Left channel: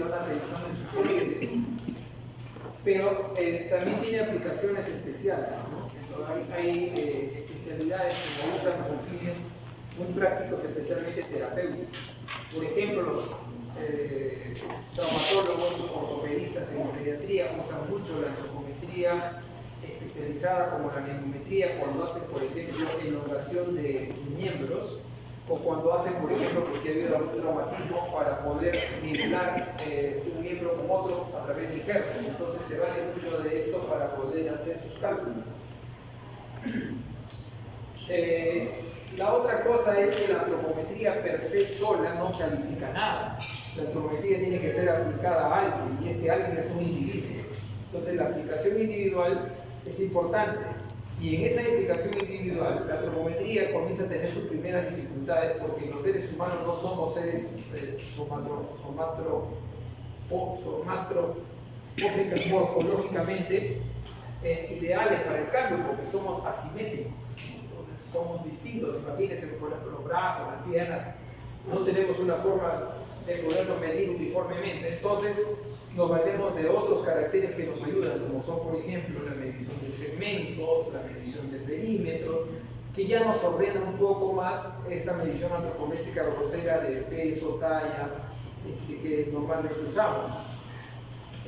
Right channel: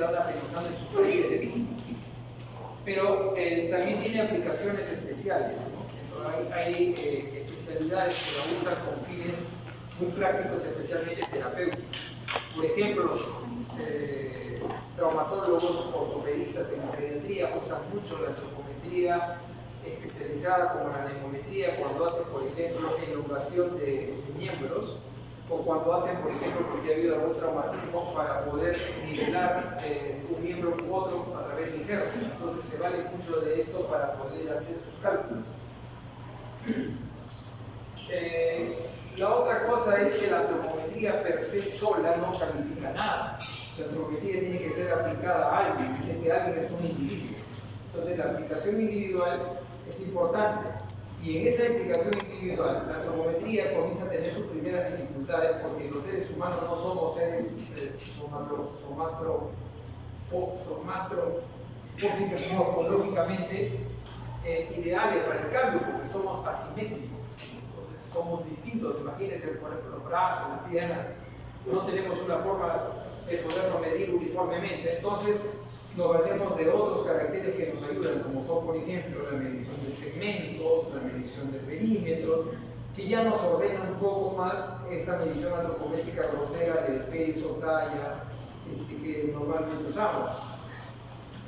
ustedes anda pensando en sus papeles, pero también tiene aplicaciones especiales, ¿no? Hay especialidades que lo usan con fines muy prácticos, especialmente terapéuticos. Por ejemplo, los traumatólogos, ortopedistas en la pediatría usan mucho la antropometría especializada como la nemometría cuando hacen, por ejemplo, elongación de miembros, o cuando hacen, por ejemplo, porque ha habido algún traumatismo para poder nivelar un miembro u otro a través de injertos. Entonces se vale mucho de esto para poder hacer sus cálculos. La otra cosa es que la antropometría per se sola no califica nada. La antropometría tiene que ser aplicada a alguien y ese alguien es un individuo. Entonces la aplicación individual es importante. Y en esa implicación individual, la antropometría comienza a tener sus primeras dificultades porque los seres humanos no somos seres morfológicamente ideales para el cambio porque somos asimétricos, entonces somos distintos. Imagínense, por ejemplo, los brazos, las piernas, no tenemos una forma de poderlo medir uniformemente, entonces nos valemos de otros caracteres que nos ayudan, como son, por ejemplo, la medición de segmentos, la medición de perímetros, que ya nos ordenan un poco más esa medición antropométrica grosera de peso, talla, que normalmente usamos.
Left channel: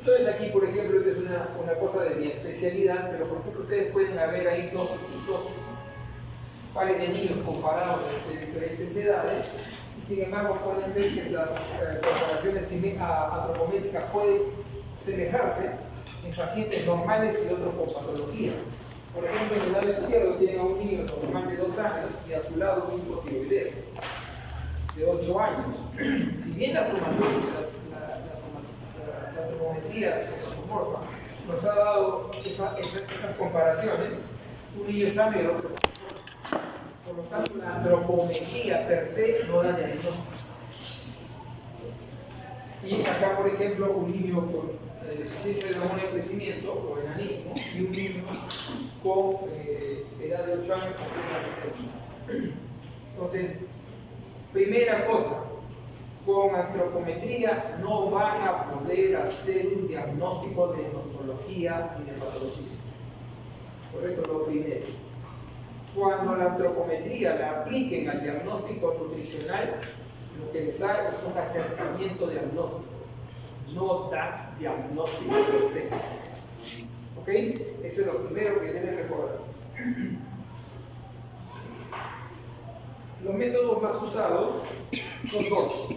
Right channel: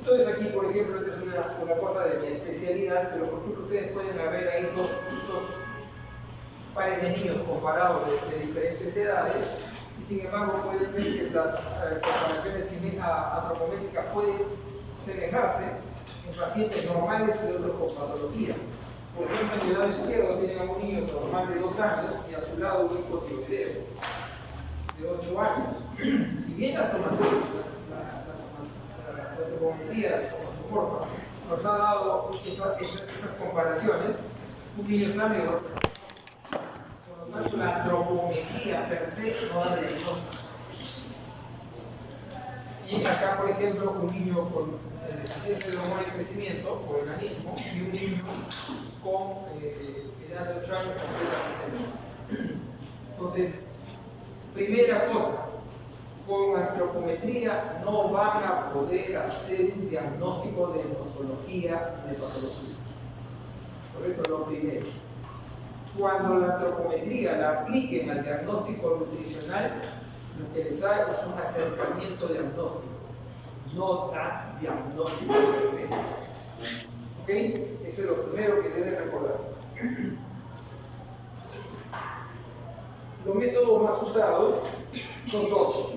Entonces aquí, por ejemplo, esta es una cosa de mi especialidad, pero por ejemplo ustedes pueden ver ahí dos pares de niños comparados de diferentes edades, y sin embargo pueden ver que las comparaciones antropométricas pueden semejarse en pacientes normales y otros con patología. Por ejemplo, en el lado izquierdo tienen a un niño normal de 2 años y a su lado un hipotiroideo de 8 años. Si bien la antropometría nos ha dado esas comparaciones, un niño sano y otro. Por lo tanto, la antropometría per se no da diagnóstico. Y acá, por ejemplo, un niño con deficiencia de hormona de crecimiento o enanismo y un niño con edad de 8 años completamente. Entonces, primera cosa, con antropometría no van a poder hacer un diagnóstico de nosología y de patología. Correcto, lo primero. Cuando la antropometría la apliquen al diagnóstico nutricional, lo que les haga es un acercamiento diagnóstico, no da diagnóstico per se. ¿Ok? Eso es lo primero que deben recordar. Los métodos más usados son dos:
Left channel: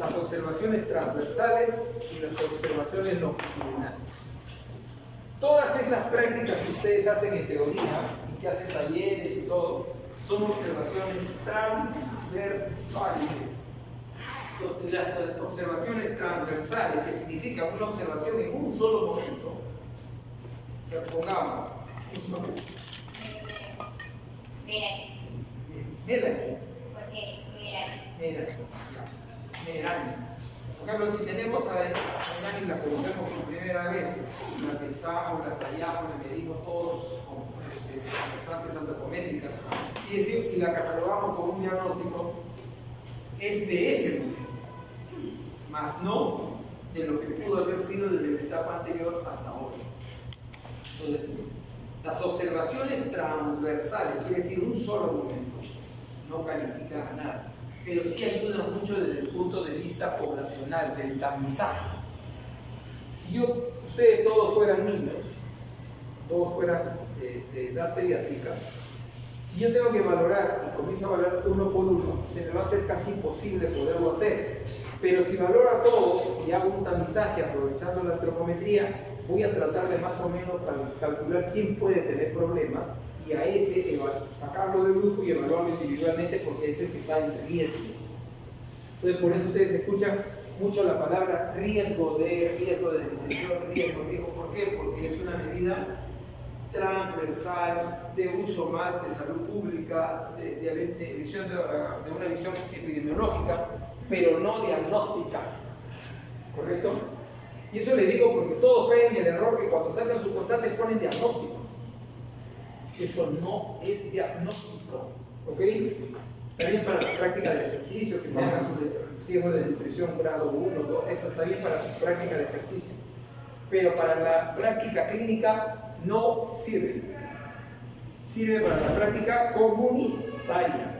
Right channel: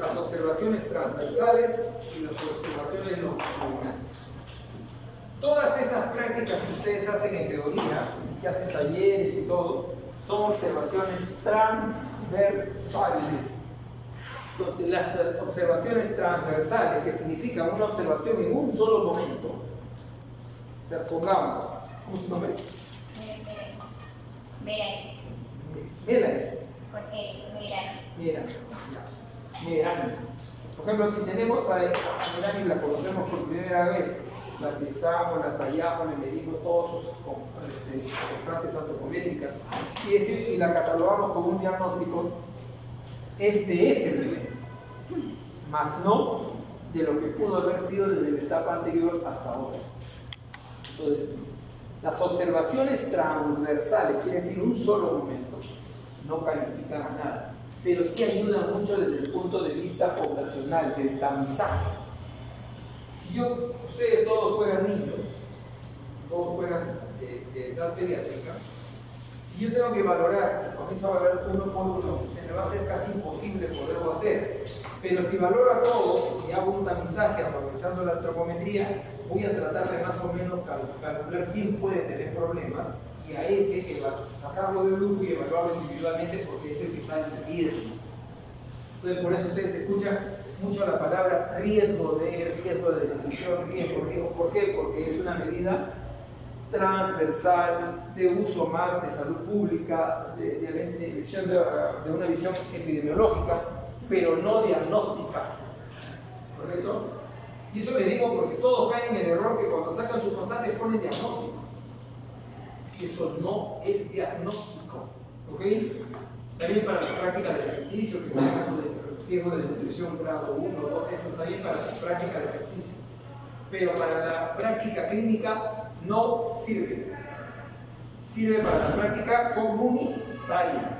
las observaciones transversales y las observaciones longitudinales. Todas esas prácticas que ustedes hacen en teoría y que hacen talleres y todo, son observaciones transversales. Entonces, las observaciones transversales, que significan una observación en un solo momento, o sea, pongamos un nombre. Melanie. ¿Por qué? Melanie. Por ejemplo, si tenemos a Melanie, la conocemos por primera vez, la pesamos, la tallamos, le medimos todos sus constantes antropométricas y la catalogamos como un diagnóstico, es de ese nivel, más no de lo que pudo haber sido desde la etapa anterior hasta ahora. Entonces, las observaciones transversales, quiere decir un solo momento, no califican a nada, pero sí ayudan mucho desde el punto de vista poblacional, del tamizaje. Si ustedes todos fueran niños, todos fueran de edad pediátrica, si yo tengo que valorar y comienzo a valorar uno por uno, se me va a hacer casi imposible poderlo hacer. Pero si valoro a todos y hago un tamizaje aprovechando la antropometría, voy a tratar de más o menos calcular quién puede tener problemas y a ese sacarlo del grupo y evaluarlo individualmente porque es el que está en riesgo. Entonces, por eso ustedes escuchan mucho la palabra riesgo de detención, riesgo. ¿Por qué? Porque es una medida transversal, de uso más de salud pública, de una visión epidemiológica, pero no diagnóstica. ¿Correcto? Y eso le digo porque todos caen en el error que cuando sacan sus constantes ponen diagnóstico. Eso no es diagnóstico. ¿Ok? También para la práctica de ejercicio, que tengan riesgos de nutrición grado 1, 2, eso está bien para su práctica de ejercicio. Pero para la práctica clínica no sirve. Sirve para la práctica comunitaria.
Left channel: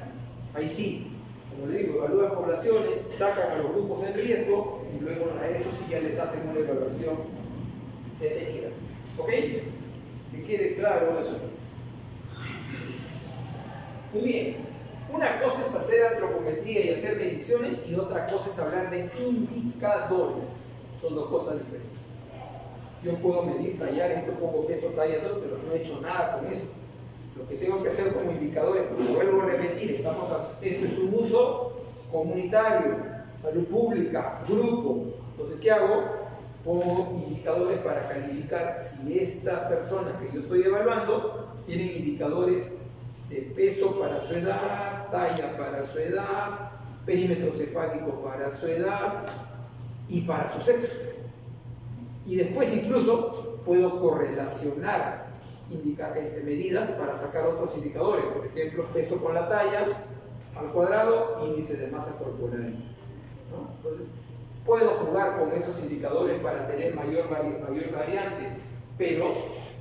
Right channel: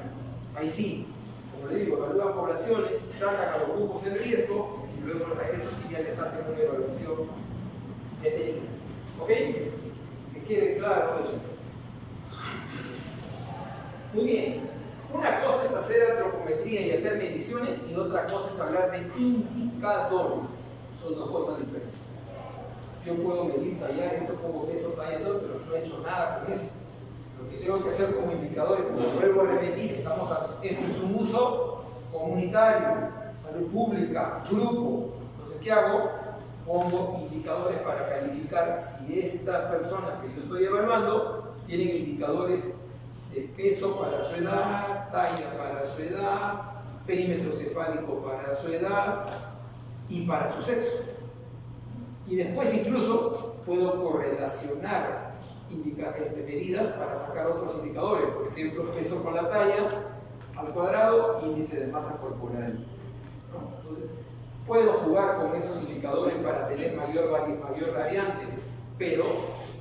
Ahí sí, como le digo, evalúan poblaciones, sacan a los grupos en riesgo y luego a eso sí ya les hacen una evaluación detenida. ¿Ok? Que quede claro eso. Muy bien. Una cosa es hacer antropometría y hacer mediciones y otra cosa es hablar de indicadores. Son dos cosas diferentes. Yo puedo medir, tallar, esto pongo peso, talla, todo, pero no he hecho nada con eso. Lo que tengo que hacer como indicadores, como vuelvo a repetir, esto es un uso comunitario, salud pública, grupo. Entonces, ¿qué hago? Pongo indicadores para calificar si esta persona que yo estoy evaluando tiene indicadores de peso para su edad, talla para su edad, perímetro cefálico para su edad y para su sexo. Y después incluso puedo correlacionar medidas para sacar otros indicadores, por ejemplo, peso con la talla al cuadrado, índice de masa corporal. ¿No? Entonces, puedo jugar con esos indicadores para tener mayor variante, pero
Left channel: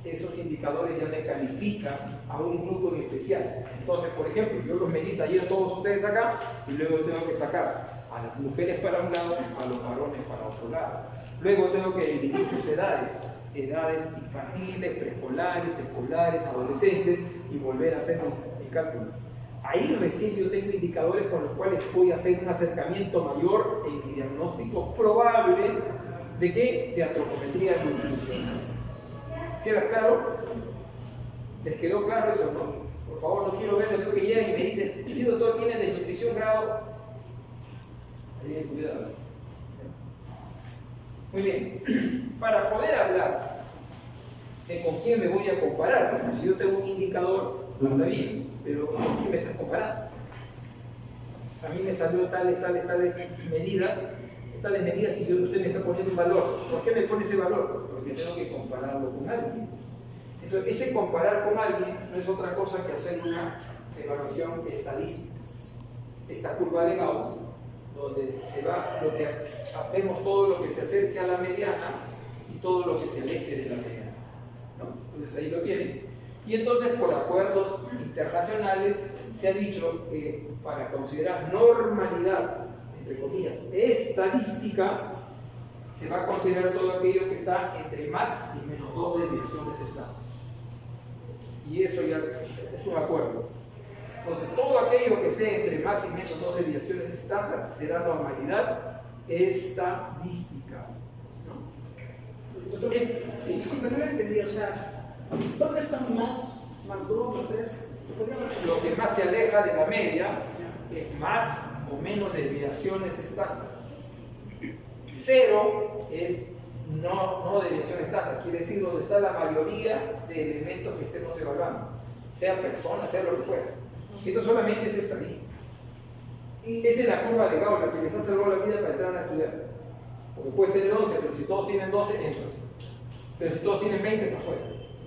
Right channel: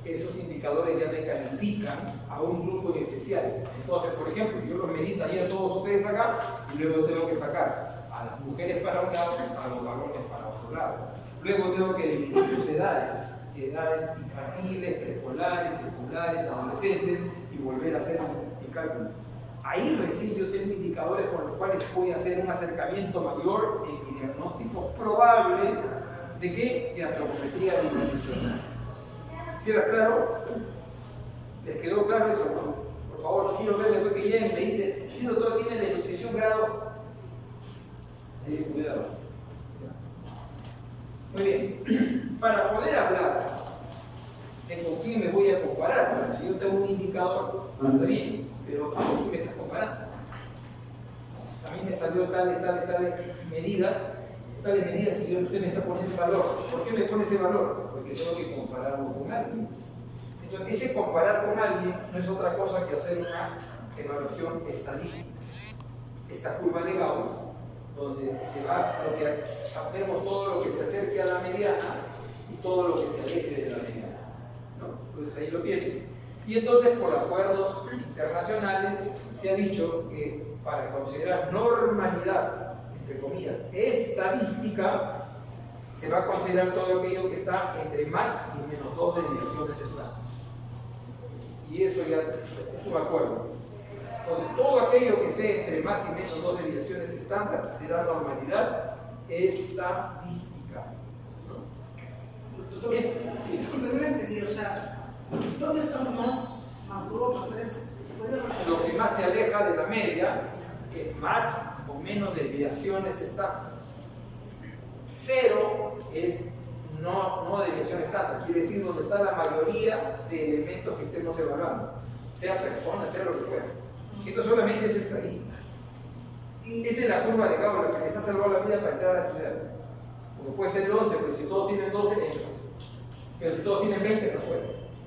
esos indicadores ya me califican a un grupo en especial. Entonces, por ejemplo, yo los medí ayer todos ustedes acá y luego tengo que sacar a las mujeres para un lado, a los varones para otro lado. Luego tengo que dividir sus edades infantiles, preescolares, escolares, adolescentes y volver a hacer mi cálculo. Ahí recién yo tengo indicadores con los cuales voy a hacer un acercamiento mayor en mi diagnóstico probable de qué? De antropometría nutricional. ¿Queda claro? ¿Les quedó claro eso? No? Por favor, no quiero ver después que lleguen y me dicen, si doctor tiene de nutrición grado. Cuidado. Muy bien, para poder hablar de con quién me voy a comparar, porque si yo tengo un indicador, está bien, pero ¿con quién me estás comparando? A mí me salió tales medidas y usted me está poniendo un valor. ¿Por qué me pone ese valor? Porque tengo que compararlo con alguien. Entonces, ese comparar con alguien no es otra cosa que hacer una evaluación estadística. Esta curva de Gauss, donde se va lo que vemos todo lo que se acerque a la mediana y todo lo que se aleje de la mediana, ¿no? Entonces ahí lo tienen. Y entonces por acuerdos internacionales se ha dicho que para considerar normalidad, entre comillas, estadística, se va a considerar todo aquello que está entre más y menos 2 desviaciones estándar. Y eso ya es un acuerdo. Entonces, todo aquello que esté entre más y menos 2 desviaciones estándar será normalidad estadística. ¿No? Doctor, disculpe, no entendí, o sea, ¿dónde están más 2, más 3? Lo que más se aleja de la media es más o menos desviaciones estándar. 0 es no desviación estándar, quiere decir donde está la mayoría de elementos que estemos evaluando, sea persona, sea lo que fuera. Esto solamente es estadística. Esta es la curva de Gauss, la que les ha salvado la vida para entrar a estudiar. Porque puedes tener 11, pero si todos tienen 12, entras. Pero si todos tienen 20, estás fuera.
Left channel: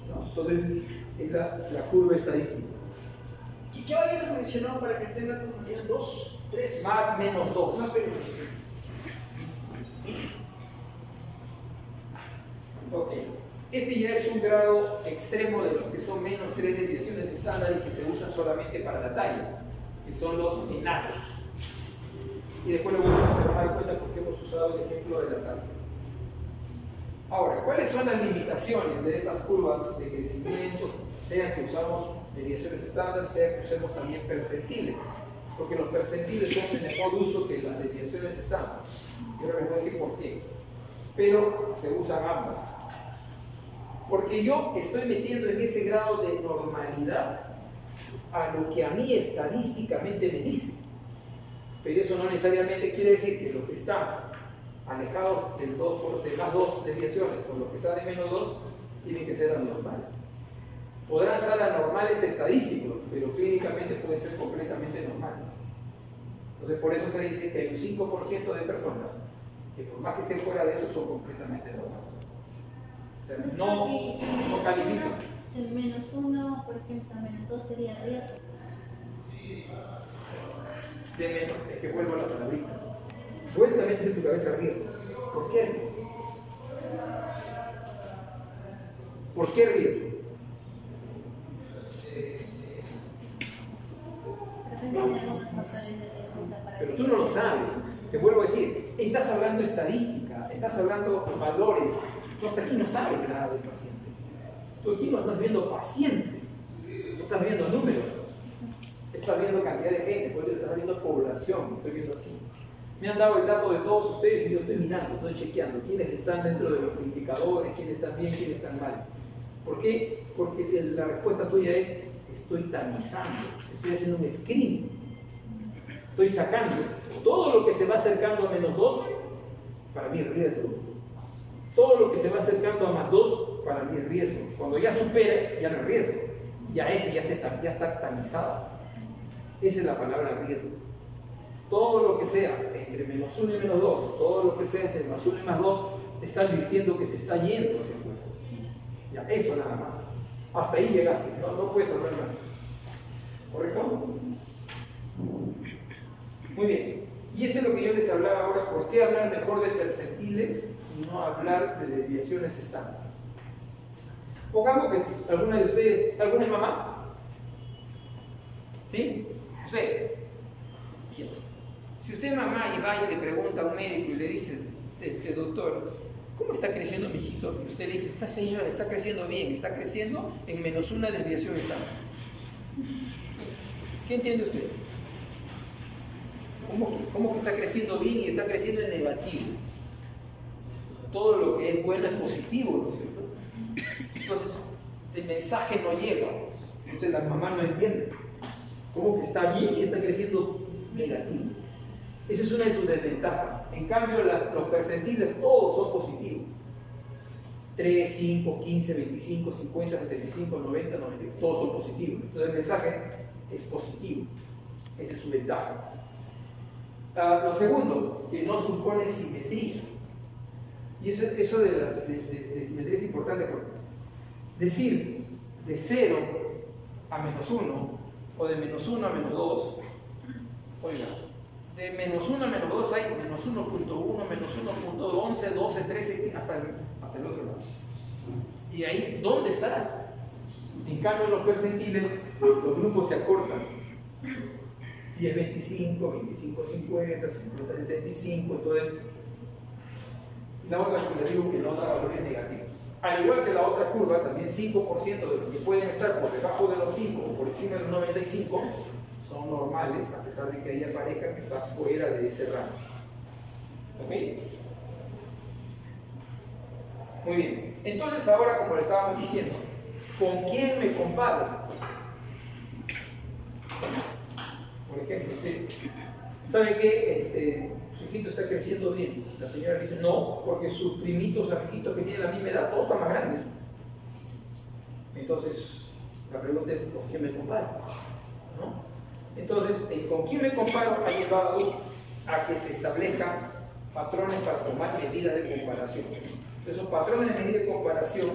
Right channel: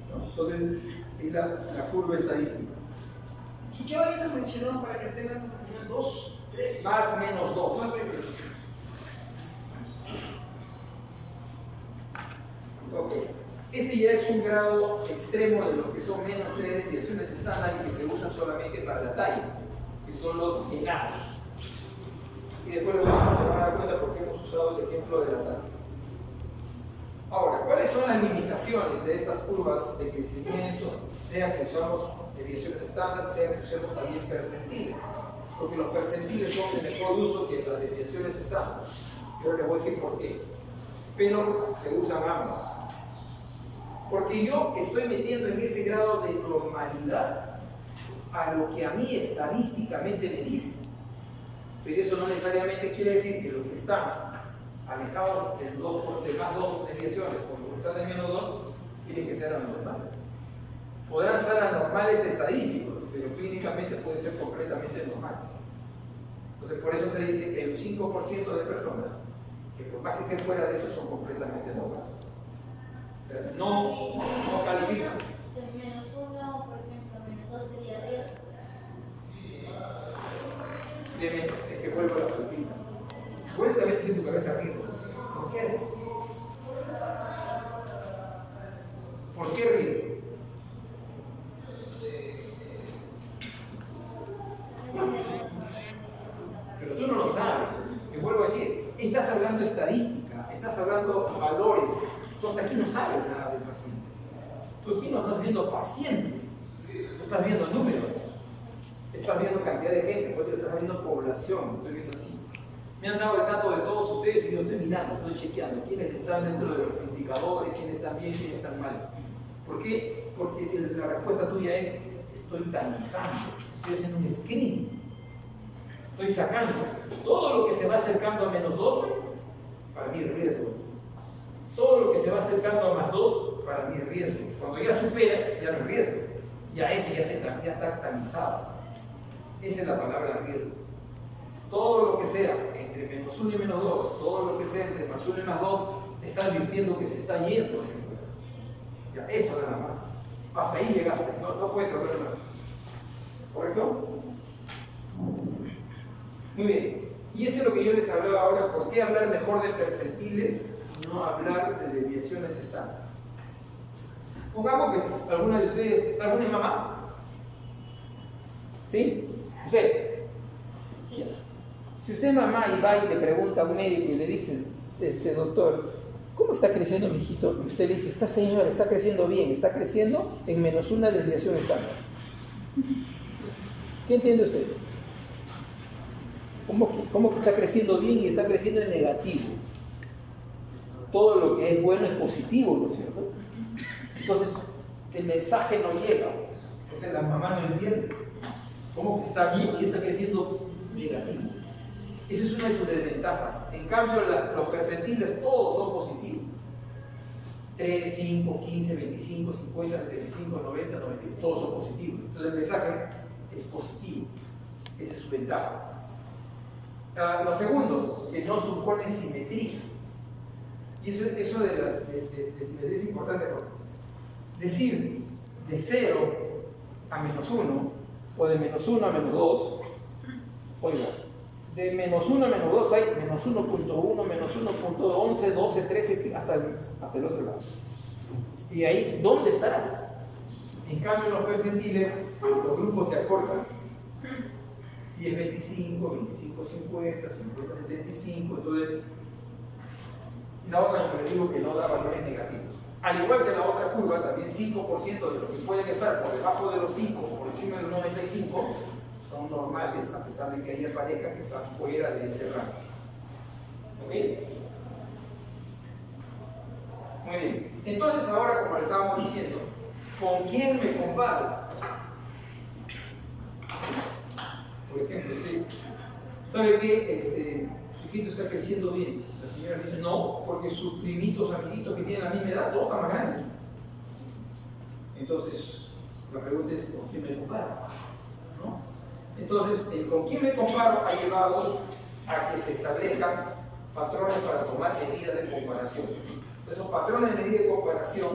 ¿No? Entonces, es la curva estadística. ¿Y qué valores mencionaron para que estén 2, 3? Más menos 2. Más menos. Ok. Este ya es un grado extremo de los que son menos 3 desviaciones estándar y que se usa solamente para la talla, que son los enanos. Y después lo vamos a dar cuenta porque hemos usado el ejemplo de la talla. Ahora, ¿cuáles son las limitaciones de estas curvas de crecimiento? Sea que usamos desviaciones estándar, sea que usemos también percentiles. Porque los percentiles son de mejor uso que las desviaciones estándar. Yo les voy a decir por qué. Pero se usan ambas. Porque yo estoy metiendo en ese grado de normalidad a lo que a mí estadísticamente me dice. Pero eso no necesariamente quiere decir que los que están alejados de más 2 desviaciones por los que están de menos 2 tienen que ser anormales. Podrán ser anormales estadísticos, pero clínicamente pueden ser completamente normales. Entonces por eso se dice que hay un 5% de personas que por más que estén fuera de eso son completamente normales. O sea, no califican. El menos 1, por ejemplo, menos 2 sería riesgo. Es que vuelvo a la palabrita. cabeza riesgo. ¿Por qué? ¿Por qué riesgo? Pero tú no lo sabes. Te vuelvo a decir, estás hablando estadística, estás hablando valores. Tú hasta aquí no sabes nada del paciente. Tú aquí no estás viendo pacientes, no estás viendo números, estás viendo cantidad de gente, pues estás viendo población, estoy viendo así. Me han dado el dato de todos ustedes y yo estoy mirando, estoy chequeando quiénes están dentro de los indicadores, quiénes están bien, quiénes están mal. ¿Por qué? Porque la respuesta tuya es: estoy tamizando, estoy haciendo un screening. Estoy sacando todo lo que se va acercando a -2, para mí riesgo. Todo lo que se va acercando a +2, para mí riesgo. Cuando ya supera, ya no es riesgo. Ya ese ya está tamizado. Esa es la palabra riesgo. Todo lo que sea entre -1 y -2, todo lo que sea entre +1 y +2, está advirtiendo que se está yendo hacia afuera. Ya, eso nada más. Hasta ahí llegaste, no puedes hablar más. ¿Correcto? Muy bien. Y esto es lo que yo les hablaba ahora. ¿Por qué hablar mejor de percentiles y no hablar de desviaciones estándar? Pongamos que alguna de ustedes, ¿alguna es mamá? ¿Sí? Usted. Si usted es mamá y va y le pregunta a un médico y le dice: doctor, ¿cómo está creciendo mi hijito? Y usted le dice: esta señora está creciendo bien, está creciendo en -1 desviación estándar. ¿Qué entiende usted? ¿Cómo que está creciendo bien y está creciendo en negativo? Todo lo que es bueno es positivo, ¿no es cierto? Entonces, el mensaje no llega. Entonces, la mamá no entiende. ¿Cómo que está bien y está creciendo negativo? Esa es una de sus desventajas. En cambio, los percentiles todos son positivos. 3, 5, 15, 25, 50, 75, 90, 90, todos son positivos. Entonces, el mensaje es positivo. Esa es su ventaja. Lo segundo, que no supone simetría. Y eso de simetría es importante, porque decir de 0 a -1 o de -1 a -2, oiga, de -1 a -2 hay -1.1, -1.11, 12, 13, hasta el otro lado. Y ahí, ¿dónde estará? En cambio, en los percentiles, los grupos se acortan. 10, 25, 25, 50, 50, 75, entonces la otra, como les digo, que no da valores negativos. Al igual que la otra curva, también 5% de los que pueden estar por debajo de los 5 o por encima de los 95 son normales, a pesar de que haya pareja que está fuera de ese rango. ¿Ok? Muy bien. Entonces ahora, como le estábamos diciendo, ¿con quién me comparo? Por ejemplo, usted sabe que su hijito está creciendo bien. La señora le dice: no, porque sus primitos, amiguitos que tienen la misma edad, todos están más grandes. Entonces, la pregunta es: ¿con quién me comparo? ¿No? Entonces, el con quién me comparo ha llevado a que se establezcan patrones para tomar medidas de comparación. Esos patrones de medida de comparación,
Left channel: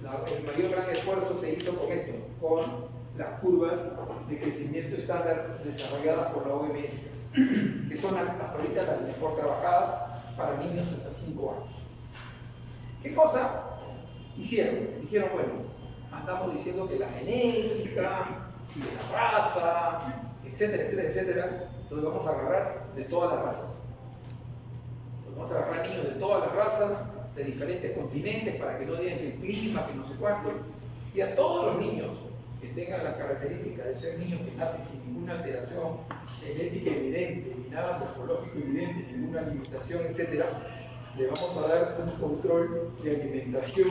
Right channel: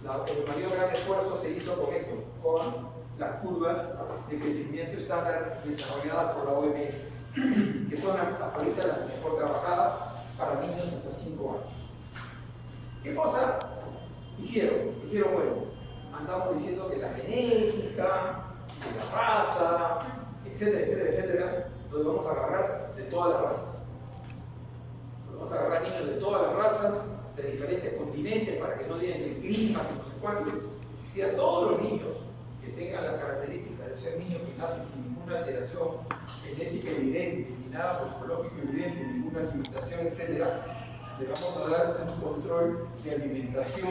el mayor gran esfuerzo se hizo con esto, con las curvas de crecimiento estándar desarrolladas por la OMS, que son hasta ahorita las mejor trabajadas para niños hasta 5 años. ¿Qué cosa hicieron? Dijeron: bueno, andamos diciendo que la genética, y la raza, etcétera, etcétera, etcétera, entonces vamos a agarrar de todas las razas. Vamos a agarrar niños de todas las razas, de diferentes continentes, para que no digan que el clima, que no sé cuánto, y a todos los niños que tengan la característica de ser niños que nacen sin ninguna alteración genética evidente, ni nada morfológico evidente, ninguna limitación, etc., le vamos a dar un control de alimentación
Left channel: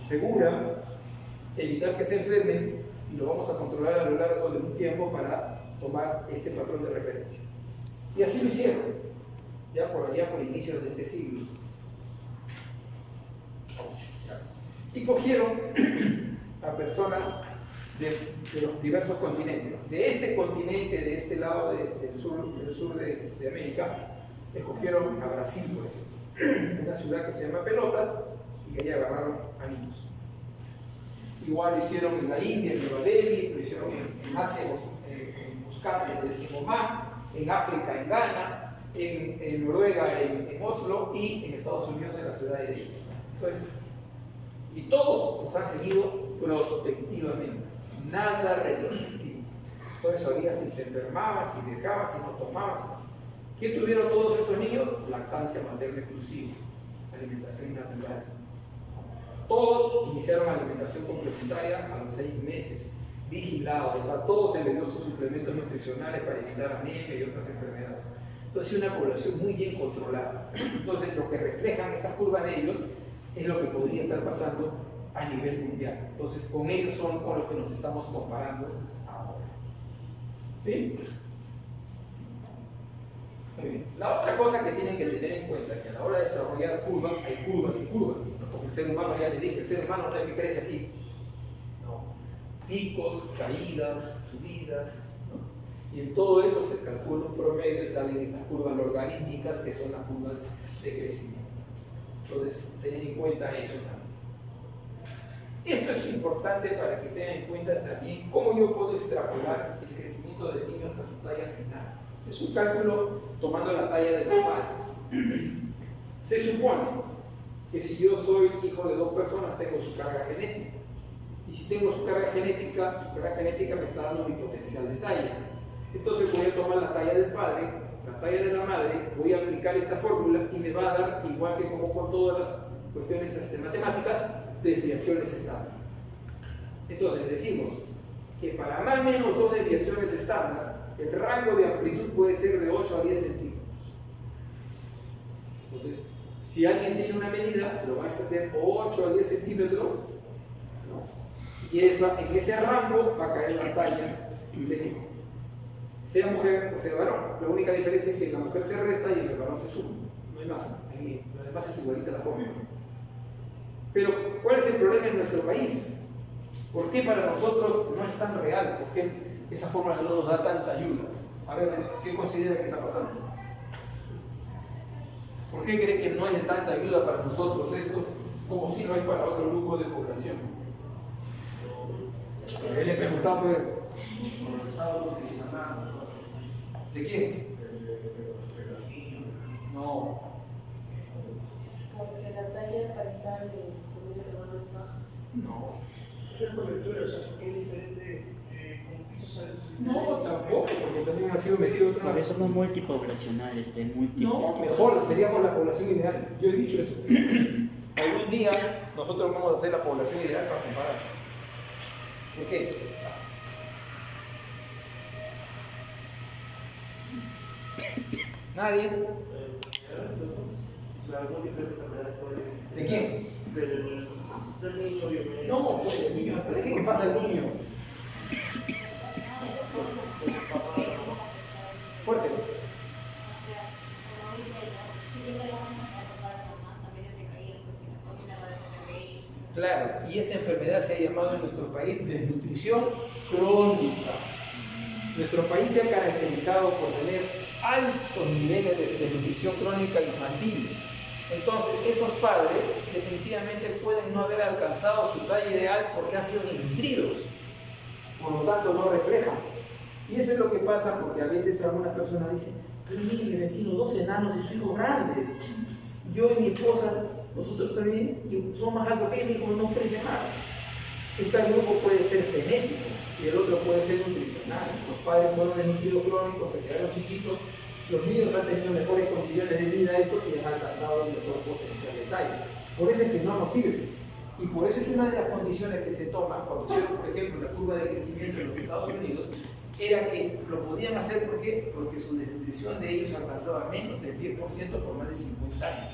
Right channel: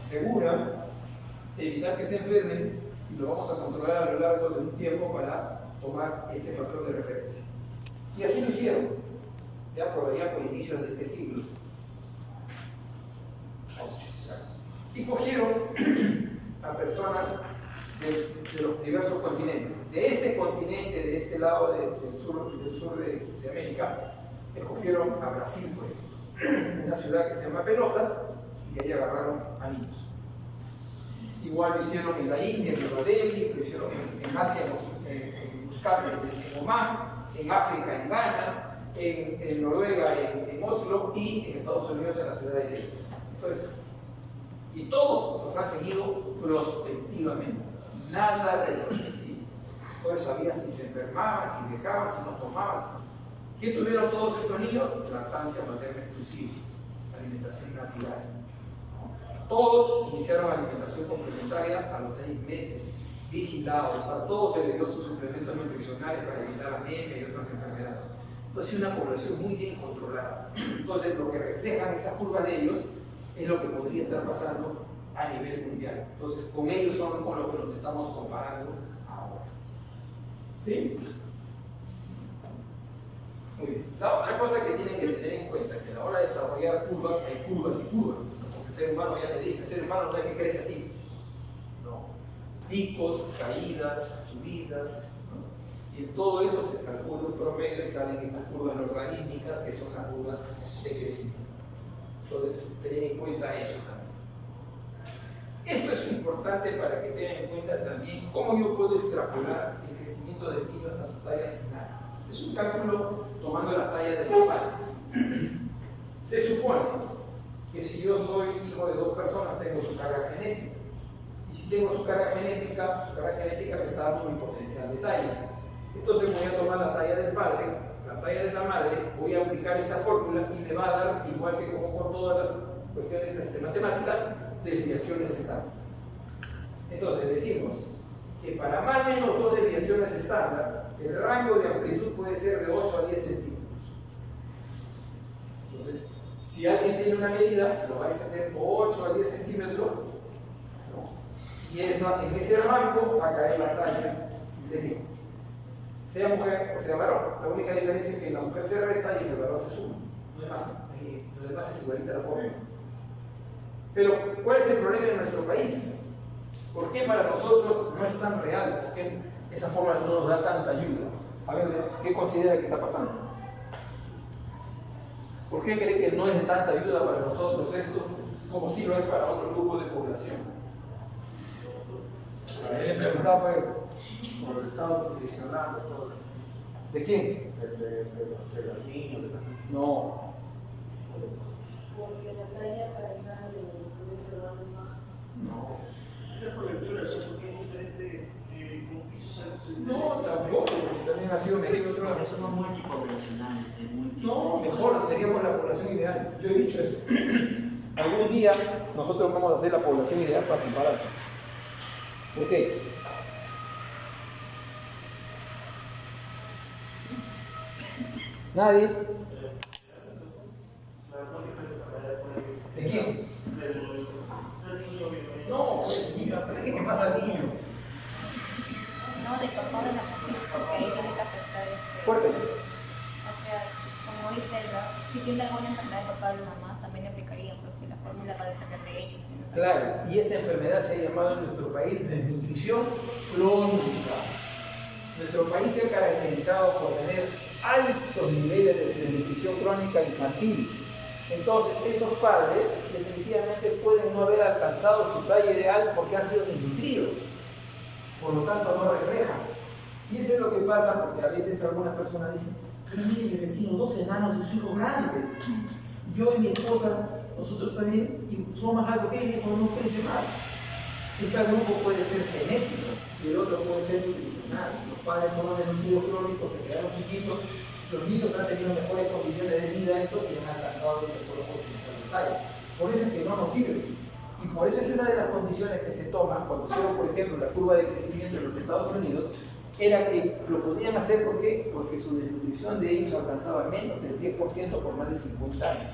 segura, evitar que se enfermen, y lo vamos a controlar a lo largo de un tiempo para tomar este patrón de referencia. Y así lo hicieron, ya por allá por inicios de este siglo. Y cogieron a personas de los diversos continentes. De este continente, de este lado del sur de América, escogieron a Brasil, por ejemplo, una ciudad que se llama Pelotas, y ahí agarraron a niños. Igual lo hicieron en la India, en Nueva Delhi, lo hicieron en Asia, en Muscat, en Omán, en África, en Ghana, en Noruega, en Oslo, y en Estados Unidos, en la ciudad de Leeds. Entonces, y todos los han seguido prospectivamente, nada retrospectivo. Entonces sabía si se enfermaba, si dejaba, si no tomaba. ¿Qué tuvieron todos estos niños? Lactancia materna exclusiva, alimentación natural. Todos iniciaron alimentación complementaria a los 6 meses, vigilados, a todos se les dio sus suplementos nutricionales para evitar anemia y otras enfermedades. Entonces, una población muy bien controlada. Entonces, lo que reflejan estas curvas de ellos es lo que podría estar pasando a nivel mundial. Entonces, con ellos son con los que nos estamos comparando ahora. ¿Sí? Muy bien. La otra cosa que tienen que tener en cuenta es que a la hora de desarrollar curvas, hay curvas y curvas. Porque el ser humano, ya le dije, el ser humano no es que crece así. No. Picos, caídas, subidas. Y en todo eso se calcula un promedio y salen estas curvas logarítmicas que son las curvas de crecimiento. Entonces, tener en cuenta eso también. Esto es importante para que tengan en cuenta también cómo yo puedo extrapolar el crecimiento del niño hasta su talla final. Es un cálculo tomando la talla de los padres. Se supone que si yo soy hijo de 2 personas, tengo su carga genética. Y si tengo su carga genética me está dando mi potencial de talla. Entonces voy a tomar la talla del padre, la talla de la madre, voy a aplicar esta fórmula y me va a dar, igual que como con todas las cuestiones matemáticas, desviaciones estándar. Entonces decimos que para más o menos 2 desviaciones estándar, el rango de amplitud puede ser de 8 a 10 centímetros. Entonces, si alguien tiene una medida, lo va a extender 8 a 10 centímetros, ¿no? Y en ese rango va a caer la talla del hijo. Sea mujer o sea varón. La única diferencia es que la mujer se resta y el varón se suma. No hay más. Lo demás es igualita la forma. Pero, ¿cuál es el problema en nuestro país? ¿Por qué para nosotros no es tan real? ¿Por qué esa forma no nos da tanta ayuda? A ver, ¿qué considera que está pasando? ¿Por qué cree que no es de tanta ayuda para nosotros esto como si lo hay para otro grupo de población? A él le preguntaba por el estado nutricional. ¿De quién? De los niños. No. Porque la talla parental del hermano es baja. No. Es por lectura, o sea, porque es diferente con pisos altos. No, tampoco, porque también ha sido metido otro lado. Porque somos multipoblacionales, de No, mejor, seríamos la población ideal. Yo he dicho eso. Algún día nosotros vamos a hacer la población ideal para comparar. ¿Por qué? ¿Nadie? ¿De quién? No, el niño, ¿pero qué pasa al niño? No, de papá de la mamá, porque ellos les afecta eso. Fuerte. O sea, como dice él, ¿no? Si tiene alguna enfermedad de papá o de mamá, también le aplicaría, porque la fórmula va a depender de ellos. ¿No? Claro, y esa enfermedad se ha llamado en nuestro país desnutrición crónica. Nuestro país se ha caracterizado por tener altos niveles de desnutrición crónica infantil. Entonces, esos padres definitivamente pueden no haber alcanzado su talla ideal porque han sido desnutridos, por lo tanto no reflejan. Y eso es lo que pasa porque a veces algunas personas dicen: mire mi vecino, 2 enanos y su hijo grandes. Yo y mi esposa, nosotros también, y somos más altos que él, hijo, no crece nada. Este grupo puede ser genético y el otro puede ser nutricional. Los padres fueron desnutridos crónicos, se quedaron chiquitos. Los niños han tenido mejores condiciones de vida y han alcanzado el mejor potencial de talla. Por eso es que no nos sirve. Y por eso es que una de las condiciones que se toman cuando hicieron, por ejemplo, la curva de crecimiento en los Estados Unidos, era que lo podían hacer ¿por qué? Porque su desnutrición de ellos alcanzaba menos del 10% por más de 50 años.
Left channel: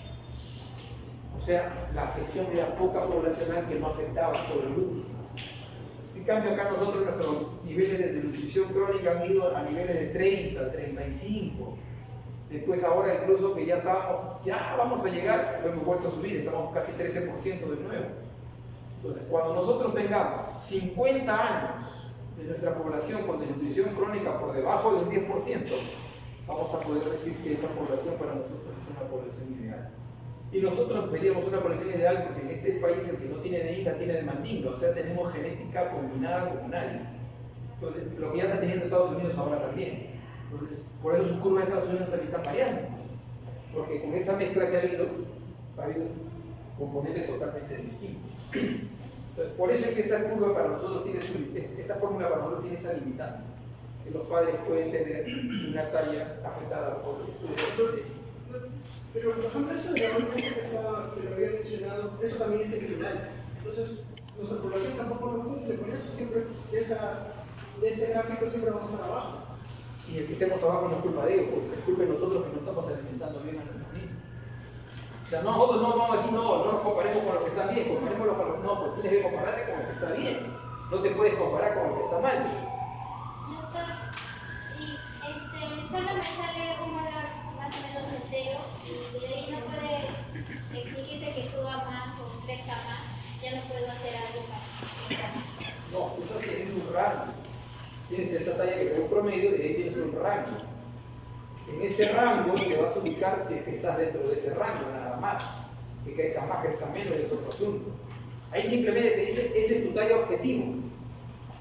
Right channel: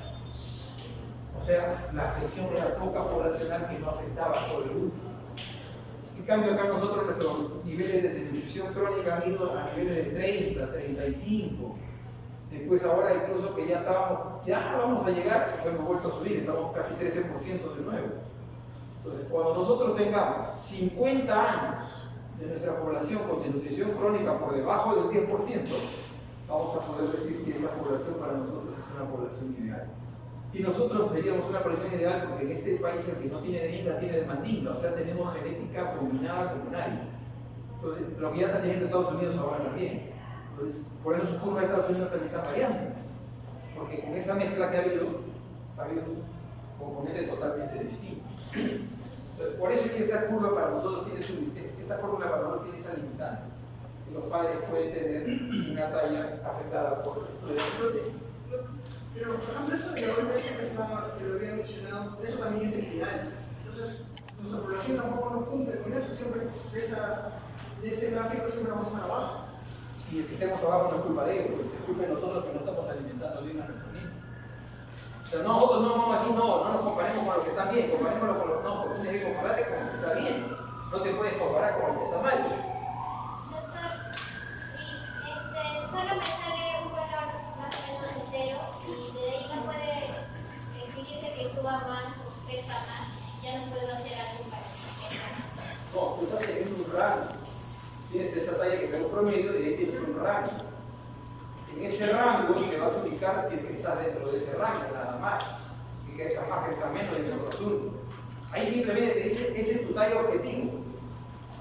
O sea, la afección era poca poblacional que no afectaba a todo el grupo. En cambio, acá nosotros nuestros niveles de desnutrición crónica han ido a niveles de 30, 35. Después ahora incluso que ya vamos a llegar, hemos vuelto a subir, estamos casi 13% de nuevo. Entonces, cuando nosotros tengamos 50 años de nuestra población con desnutrición crónica por debajo del 10%, vamos a poder decir que esa población para nosotros es una población ideal. Y nosotros veríamos una población ideal porque en este país el que no tiene de Inca tiene de Mandinga, o sea, tenemos genética combinada como nadie. Entonces, lo que ya está teniendo Estados Unidos ahora también. Entonces, por eso sus curvas de Estados Unidos también están variando. porque con esa mezcla que ha habido componentes totalmente distintos. Entonces, por eso es que esta curva para nosotros tiene esta fórmula para nosotros tiene esa limitante, que los padres pueden tener una talla afectada por el estudio de proteína. Pero, por ejemplo, eso de hoy, que lo había mencionado, eso también es equidal. Entonces, nuestra población tampoco no cumple con eso, siempre de ese gráfico siempre vamos a estar abajo. Y el que estemos abajo no es culpa de ellos, porque es culpa de nosotros que no estamos alimentando bien a nuestros niños. O sea, aquí no nos comparemos con los que están bien, comparémoslo con los no, porque tienes que compararte con lo que está bien. No te puedes comparar con lo que está mal. Doctor, solo me sale un valor más o menos entero y de ahí no puede exigirse que suba más o crezca más. Ya no puedo hacer algo para que crezca más. No, tú estás teniendo un rango. Tienes esa talla que da un promedio y ahí tienes un rango. En ese rango te vas a ubicar si es que estás dentro de ese rango, nada más. Que crezca más, crezca menos, es otro asunto. Ahí simplemente te dice, ese es tu talla objetivo.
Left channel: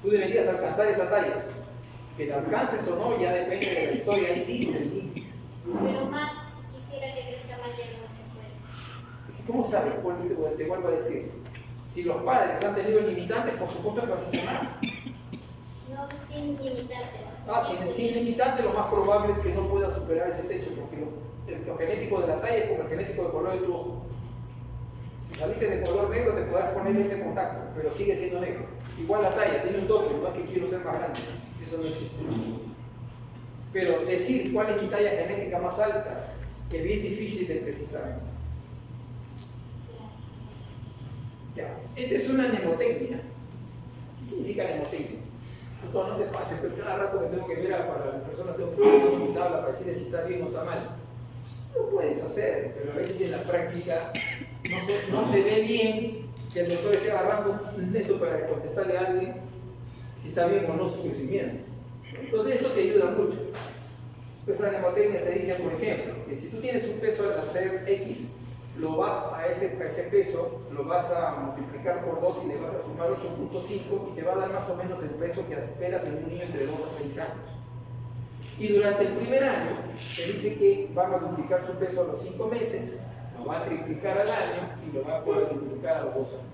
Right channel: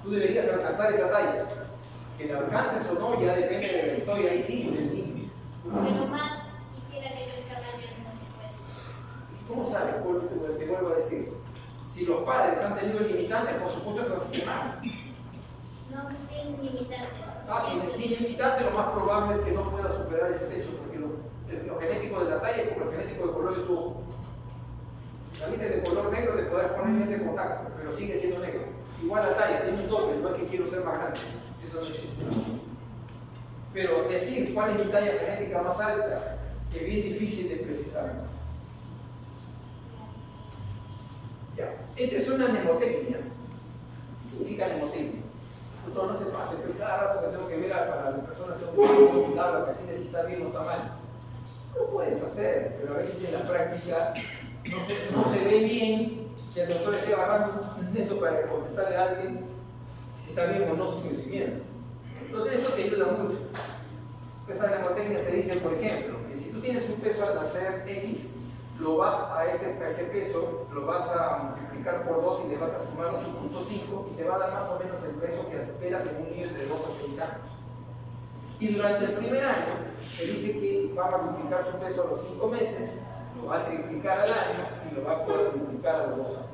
Tú deberías alcanzar esa talla. Que la alcances o no ya depende de la historia ahí sí del niño. Pero más quisiera que crezca más de uno después. ¿Cómo sabes? Te vuelvo a decir. Si los padres han tenido limitantes, por supuesto que vas a hacer más. No, sin limitante. Sin limitante, lo más probable es que no puedas superar ese techo, porque lo genético de la talla es como el genético de color de tu ojo. Si saliste de color negro, te podrás poner lente de contacto, pero sigue siendo negro. Igual la talla, tiene un doble, no es que quiero ser más grande, eso no existe. Pero decir cuál es mi talla genética más alta, que es bien difícil de precisar. Ya, esta es una mnemotecnia. ¿Qué significa mnemotecnia? No se pase, pero cada rato que tengo que ver para las personas tengo que cuidarla para decirles si está bien o está mal. Lo puedes hacer, pero a veces en la práctica no se ve bien que el doctor esté agarrando un texto para contestarle a alguien si está bien o no su crecimiento. Entonces eso te ayuda mucho. Esta mnemotecnia te dice, por ejemplo, que si tú tienes un peso al nacer X, lo vas a ese peso, lo vas a multiplicar por 2 y le vas a sumar 8.5 y te va a dar más o menos el peso que esperas en un niño entre 2 a 6 años. Y durante el primer año, te dice que va a multiplicar su peso a los 5 meses, lo va a triplicar al año y lo va a cuadruplicar a los 2 años.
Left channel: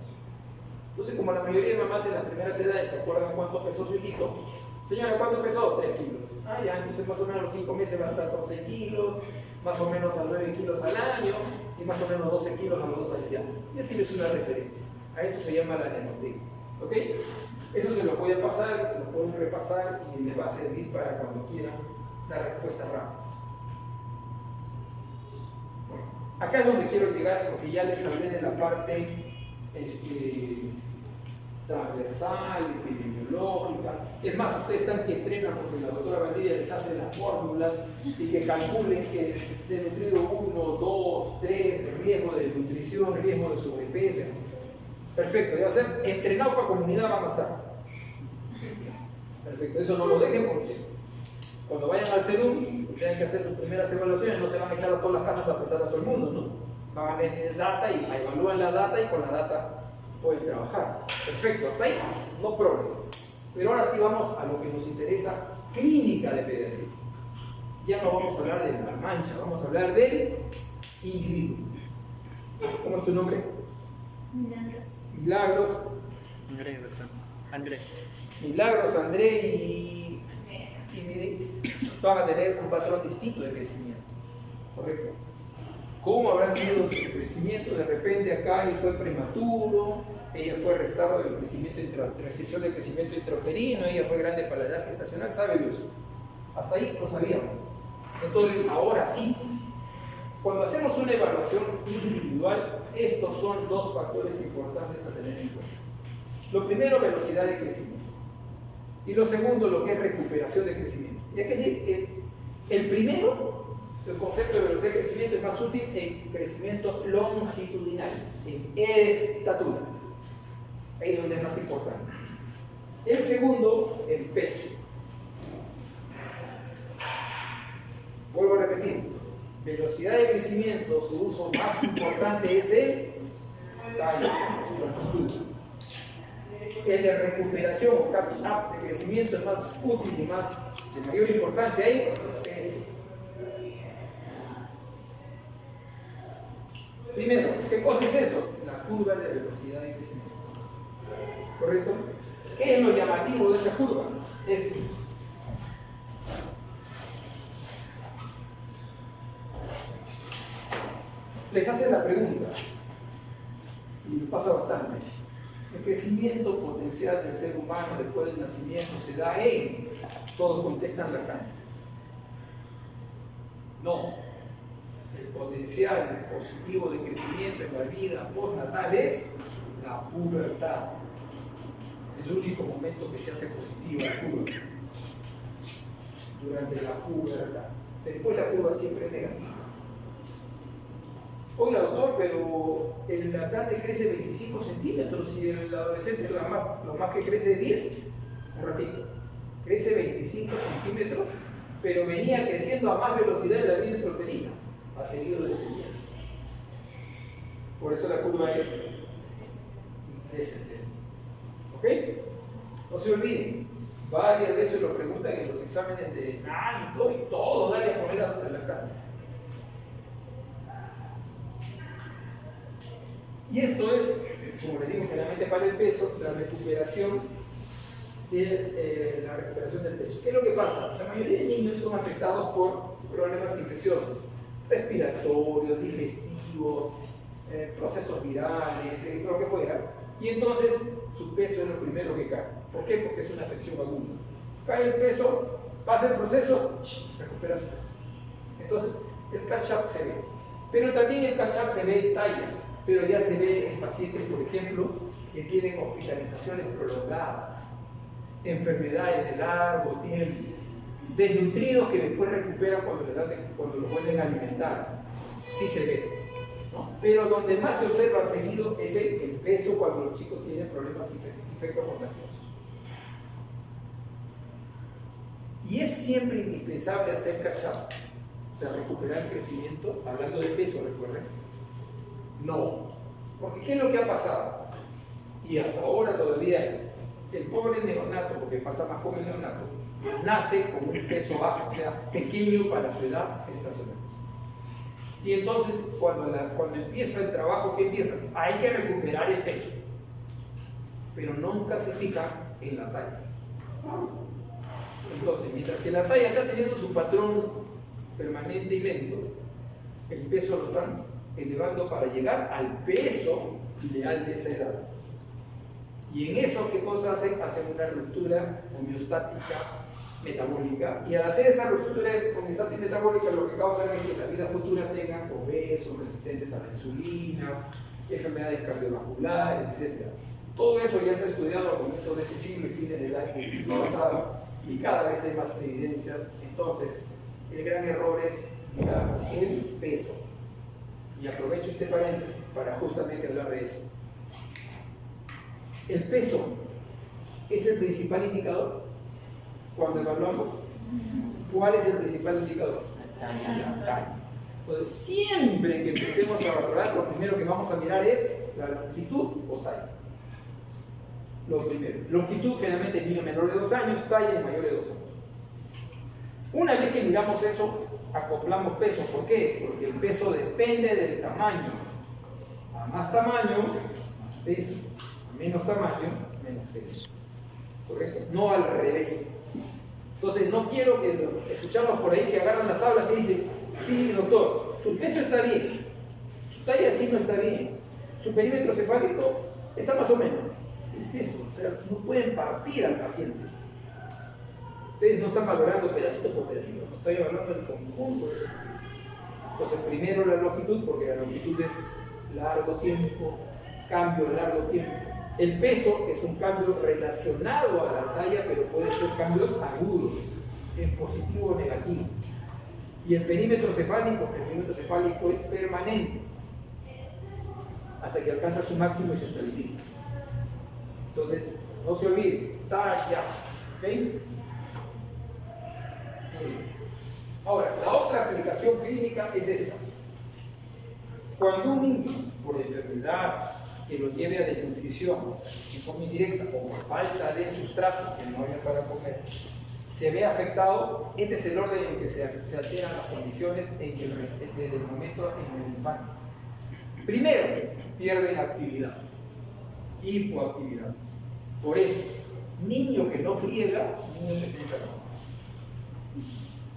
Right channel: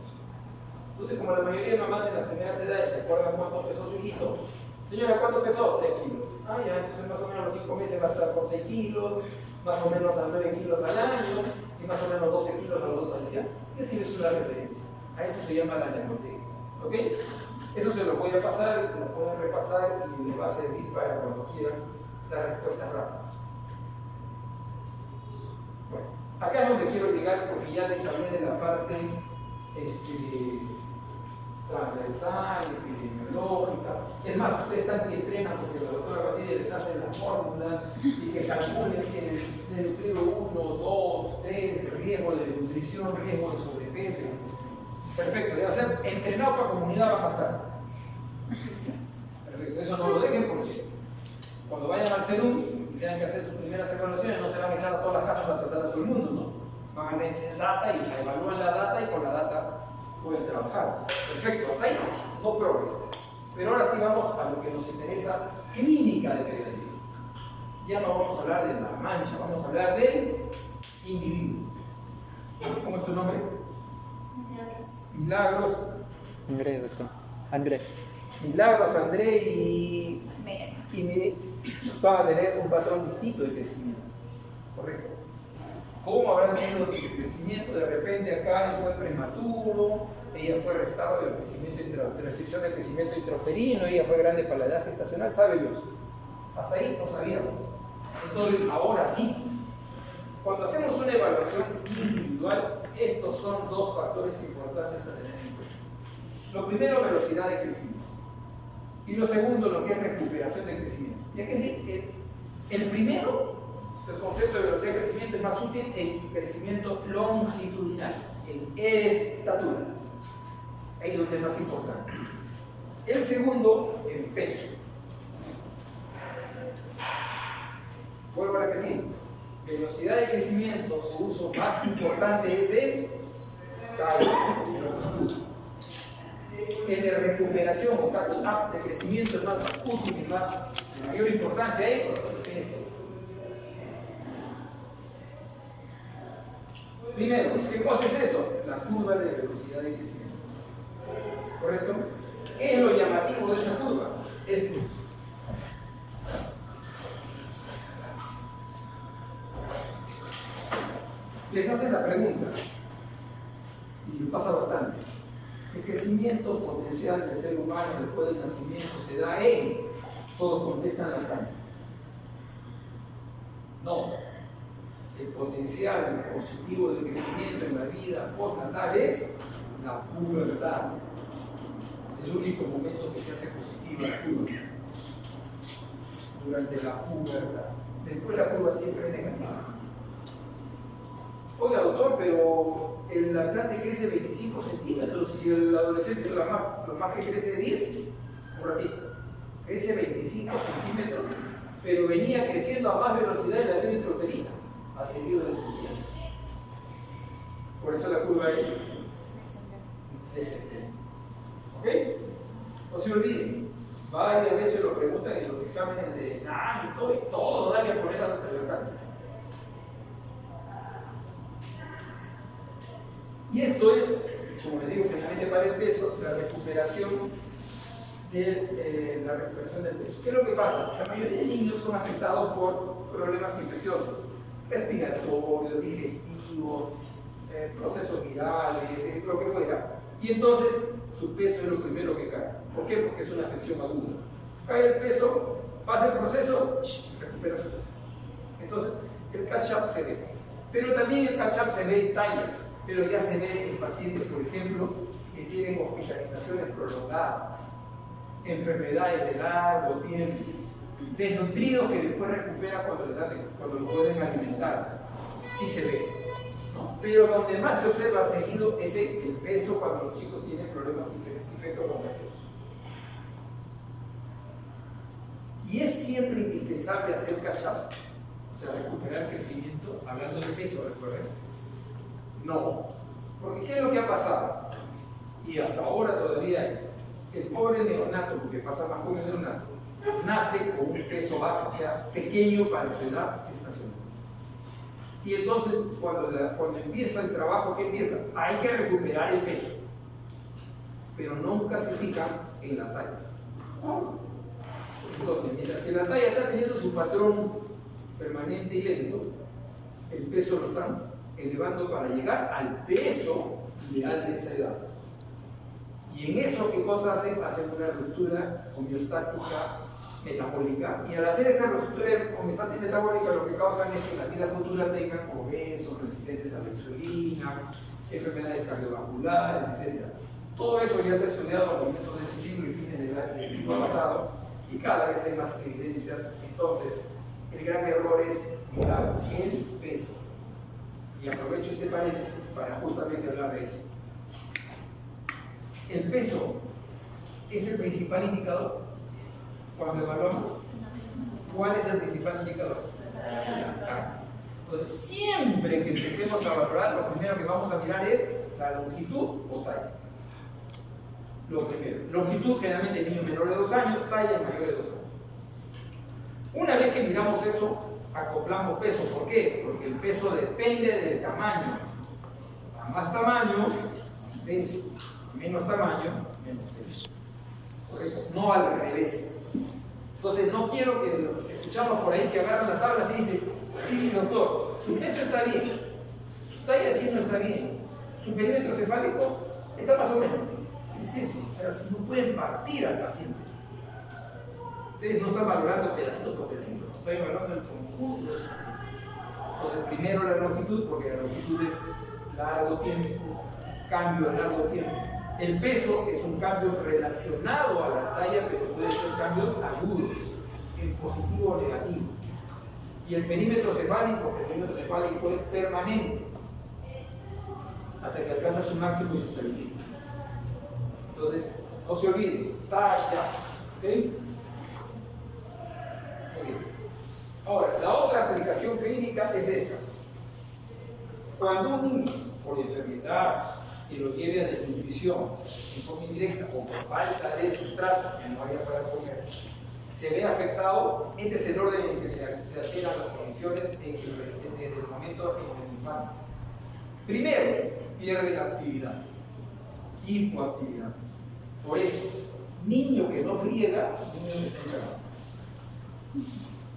Entonces, como la mayoría de mamás en las primeras edades se acuerdan cuánto pesó su hijito, señora, ¿cuánto pesó? 3 kilos. Ah, ya, entonces más o menos a los 5 meses va a estar 12 kilos, más o menos a 9 kilos al año y más o menos 12 kilos a los 2 años. Ya tienes una referencia. A eso se llama la mnemotecnia. ¿Ok? Eso se lo voy a pasar, lo pueden repasar y les va a servir para cuando quieran dar respuestas rápidas. Bueno, acá es donde quiero llegar porque ya les hablé de la parte transversal, epidemiológica. Es más, ustedes están que entrenan porque la doctora Valdivia les hace las fórmulas y que calculen que de nutrido 1, 2, 3, riesgo de nutrición, riesgo de sobrepeso. Perfecto, le va a ser entrenado para comunidad va a estar. Perfecto, eso no lo dejen porque cuando vayan al CEDUM y tengan que hacer sus primeras evaluaciones no se van a echar a todas las casas a pesar a todo el mundo, ¿no? Van a tener data y se evalúan la data y con la data pueden trabajar. Perfecto, hasta ahí no problema. Pero ahora sí vamos a lo que nos interesa, clínica de pediatría. Ya no vamos a hablar de la mancha, vamos a hablar del individuo. ¿Cómo es tu nombre? Milagros. Milagros. André, doctor. André. Milagros, André y mire, van a tener un patrón distinto de crecimiento. ¿Correcto? ¿Cómo habrá sido su crecimiento? De repente acá él fue prematuro, ella fue restado del crecimiento, restricción del crecimiento intrauterino, ella fue grande para la edad gestacional, sabe Dios. Hasta ahí lo sabíamos. Entonces, ahora sí, cuando hacemos una evaluación individual, estos son dos factores importantes a tener en cuenta. Lo primero, velocidad de crecimiento. Y lo segundo, lo que es recuperación de crecimiento. Ya que sí, el primero, el concepto de velocidad de crecimiento es más útil en crecimiento longitudinal, en estatura. Ahí es donde es más importante. El segundo, en peso. Vuelvo a repetir, velocidad de crecimiento, su uso más importante es el talla, longitud. El de recuperación o catch-up de crecimiento es más útil y más de mayor importancia ahí, es Primero, ¿qué cosa es eso? La curva de velocidad de crecimiento. ¿Correcto? ¿Qué es lo llamativo de esa curva? Esto. Les hacen la pregunta, y lo pasa bastante. El crecimiento potencial del ser humano después del nacimiento se da en. Todos contestan la cara. No. El potencial positivo de crecimiento en la vida postnatal es la pubertad. Es el único momento que se hace positiva la curva. Durante la pubertad. Después la curva siempre es negativa. Oiga, doctor, pero el lactante crece 25 centímetros y el adolescente lo más que crece 10. Un ratito. Crece 25 centímetros, pero venía creciendo a más velocidad de la vida intrauterina. Ha seguido descendiendo. Por eso la curva es descendente. ¿Ok? No se olviden. Varias veces lo preguntan en los exámenes de y todo hay que poner a su lactante. Y esto es, como les digo, generalmente para el peso, la recuperación del peso. ¿Qué es lo que pasa? La mayoría de niños son afectados por problemas infecciosos, respiratorios, digestivos, procesos virales, lo que fuera. Y entonces su peso es lo primero que cae. ¿Por qué? Porque es una afección aguda. Cae el peso, pasa el proceso, recupera su peso. Entonces, el catch-up se ve. Pero también el catch-up se ve en talla. Pero ya se ve en pacientes, por ejemplo, que tienen hospitalizaciones prolongadas, enfermedades de largo tiempo, desnutridos que después recuperan cuando los vuelven a alimentar. Sí se ve, ¿no? Pero donde más se observa seguido es el peso cuando los chicos tienen problemas infectocontagiosos. Y es siempre indispensable hacer catch-up, o sea, recuperar crecimiento, hablando de peso, recuerden. No, porque ¿qué es lo que ha pasado? Y hasta ahora todavía el pobre neonato, porque pasa más con el neonato, nace con un peso bajo, o sea, pequeño para su edad estacional. Y entonces, cuando empieza el trabajo, ¿qué empieza? Hay que recuperar el peso, pero nunca se fija en la talla. Entonces, mientras que la talla está teniendo su patrón permanente y lento, el peso lo están elevando para llegar al peso ideal de esa edad. Y en eso, ¿qué cosa hacen? Hacen una ruptura homeostática metabólica. Y al hacer esa ruptura homeostática metabólica, lo que causan es que en la vida futura tengan obesos, resistentes a la insulina, enfermedades cardiovasculares, etc. Todo eso ya se ha estudiado a comienzos de este siglo y fines del siglo pasado, y cada vez hay más evidencias. Entonces, el gran error es mirar el peso. Y aprovecho este paréntesis para justamente hablar de eso. El peso es el principal indicador cuando evaluamos. ¿Cuál es el principal indicador? La talla. Entonces, siempre que empecemos a valorar, lo primero que vamos a mirar es la longitud o talla. Lo primero. Longitud generalmente en niños menores de 2 años, talla en mayores de 2 años. Una vez que miramos eso, acoplamos peso. ¿Por qué? Porque el peso depende del tamaño. A más tamaño, peso. A menos tamaño, menos peso. ¿Correcto? No al revés. Entonces, no quiero que escuchamos por ahí que agarran las tablas y dicen, sí, doctor, su peso está bien, su talla sí no está bien, su perímetro cefálico está más o menos. ¿Qué es eso? O sea, no pueden partir al paciente. Ustedes no están valorando pedacito por pedacito, no estoy evaluando el conjunto de ese paciente. Entonces, primero la longitud, porque la longitud es largo tiempo, cambio a largo tiempo. El peso es un cambio relacionado a la talla, pero puede ser cambios agudos, en positivo o negativo. Y el perímetro cefálico es permanente, hasta que alcanza su máximo y se estabiliza. Entonces, no se olvide, talla, ¿ok? Ahora, la otra aplicación clínica es esta. Cuando un niño, por enfermedad, que lo lleve a desnutrición en forma indirecta o por falta de sustrato, que no haya para comer, se ve afectado, este es el orden en que se alteran las condiciones desde el momento en el infante. Primero, pierde actividad, hipoactividad. Por eso, niño que no friega, niño que está enfermo.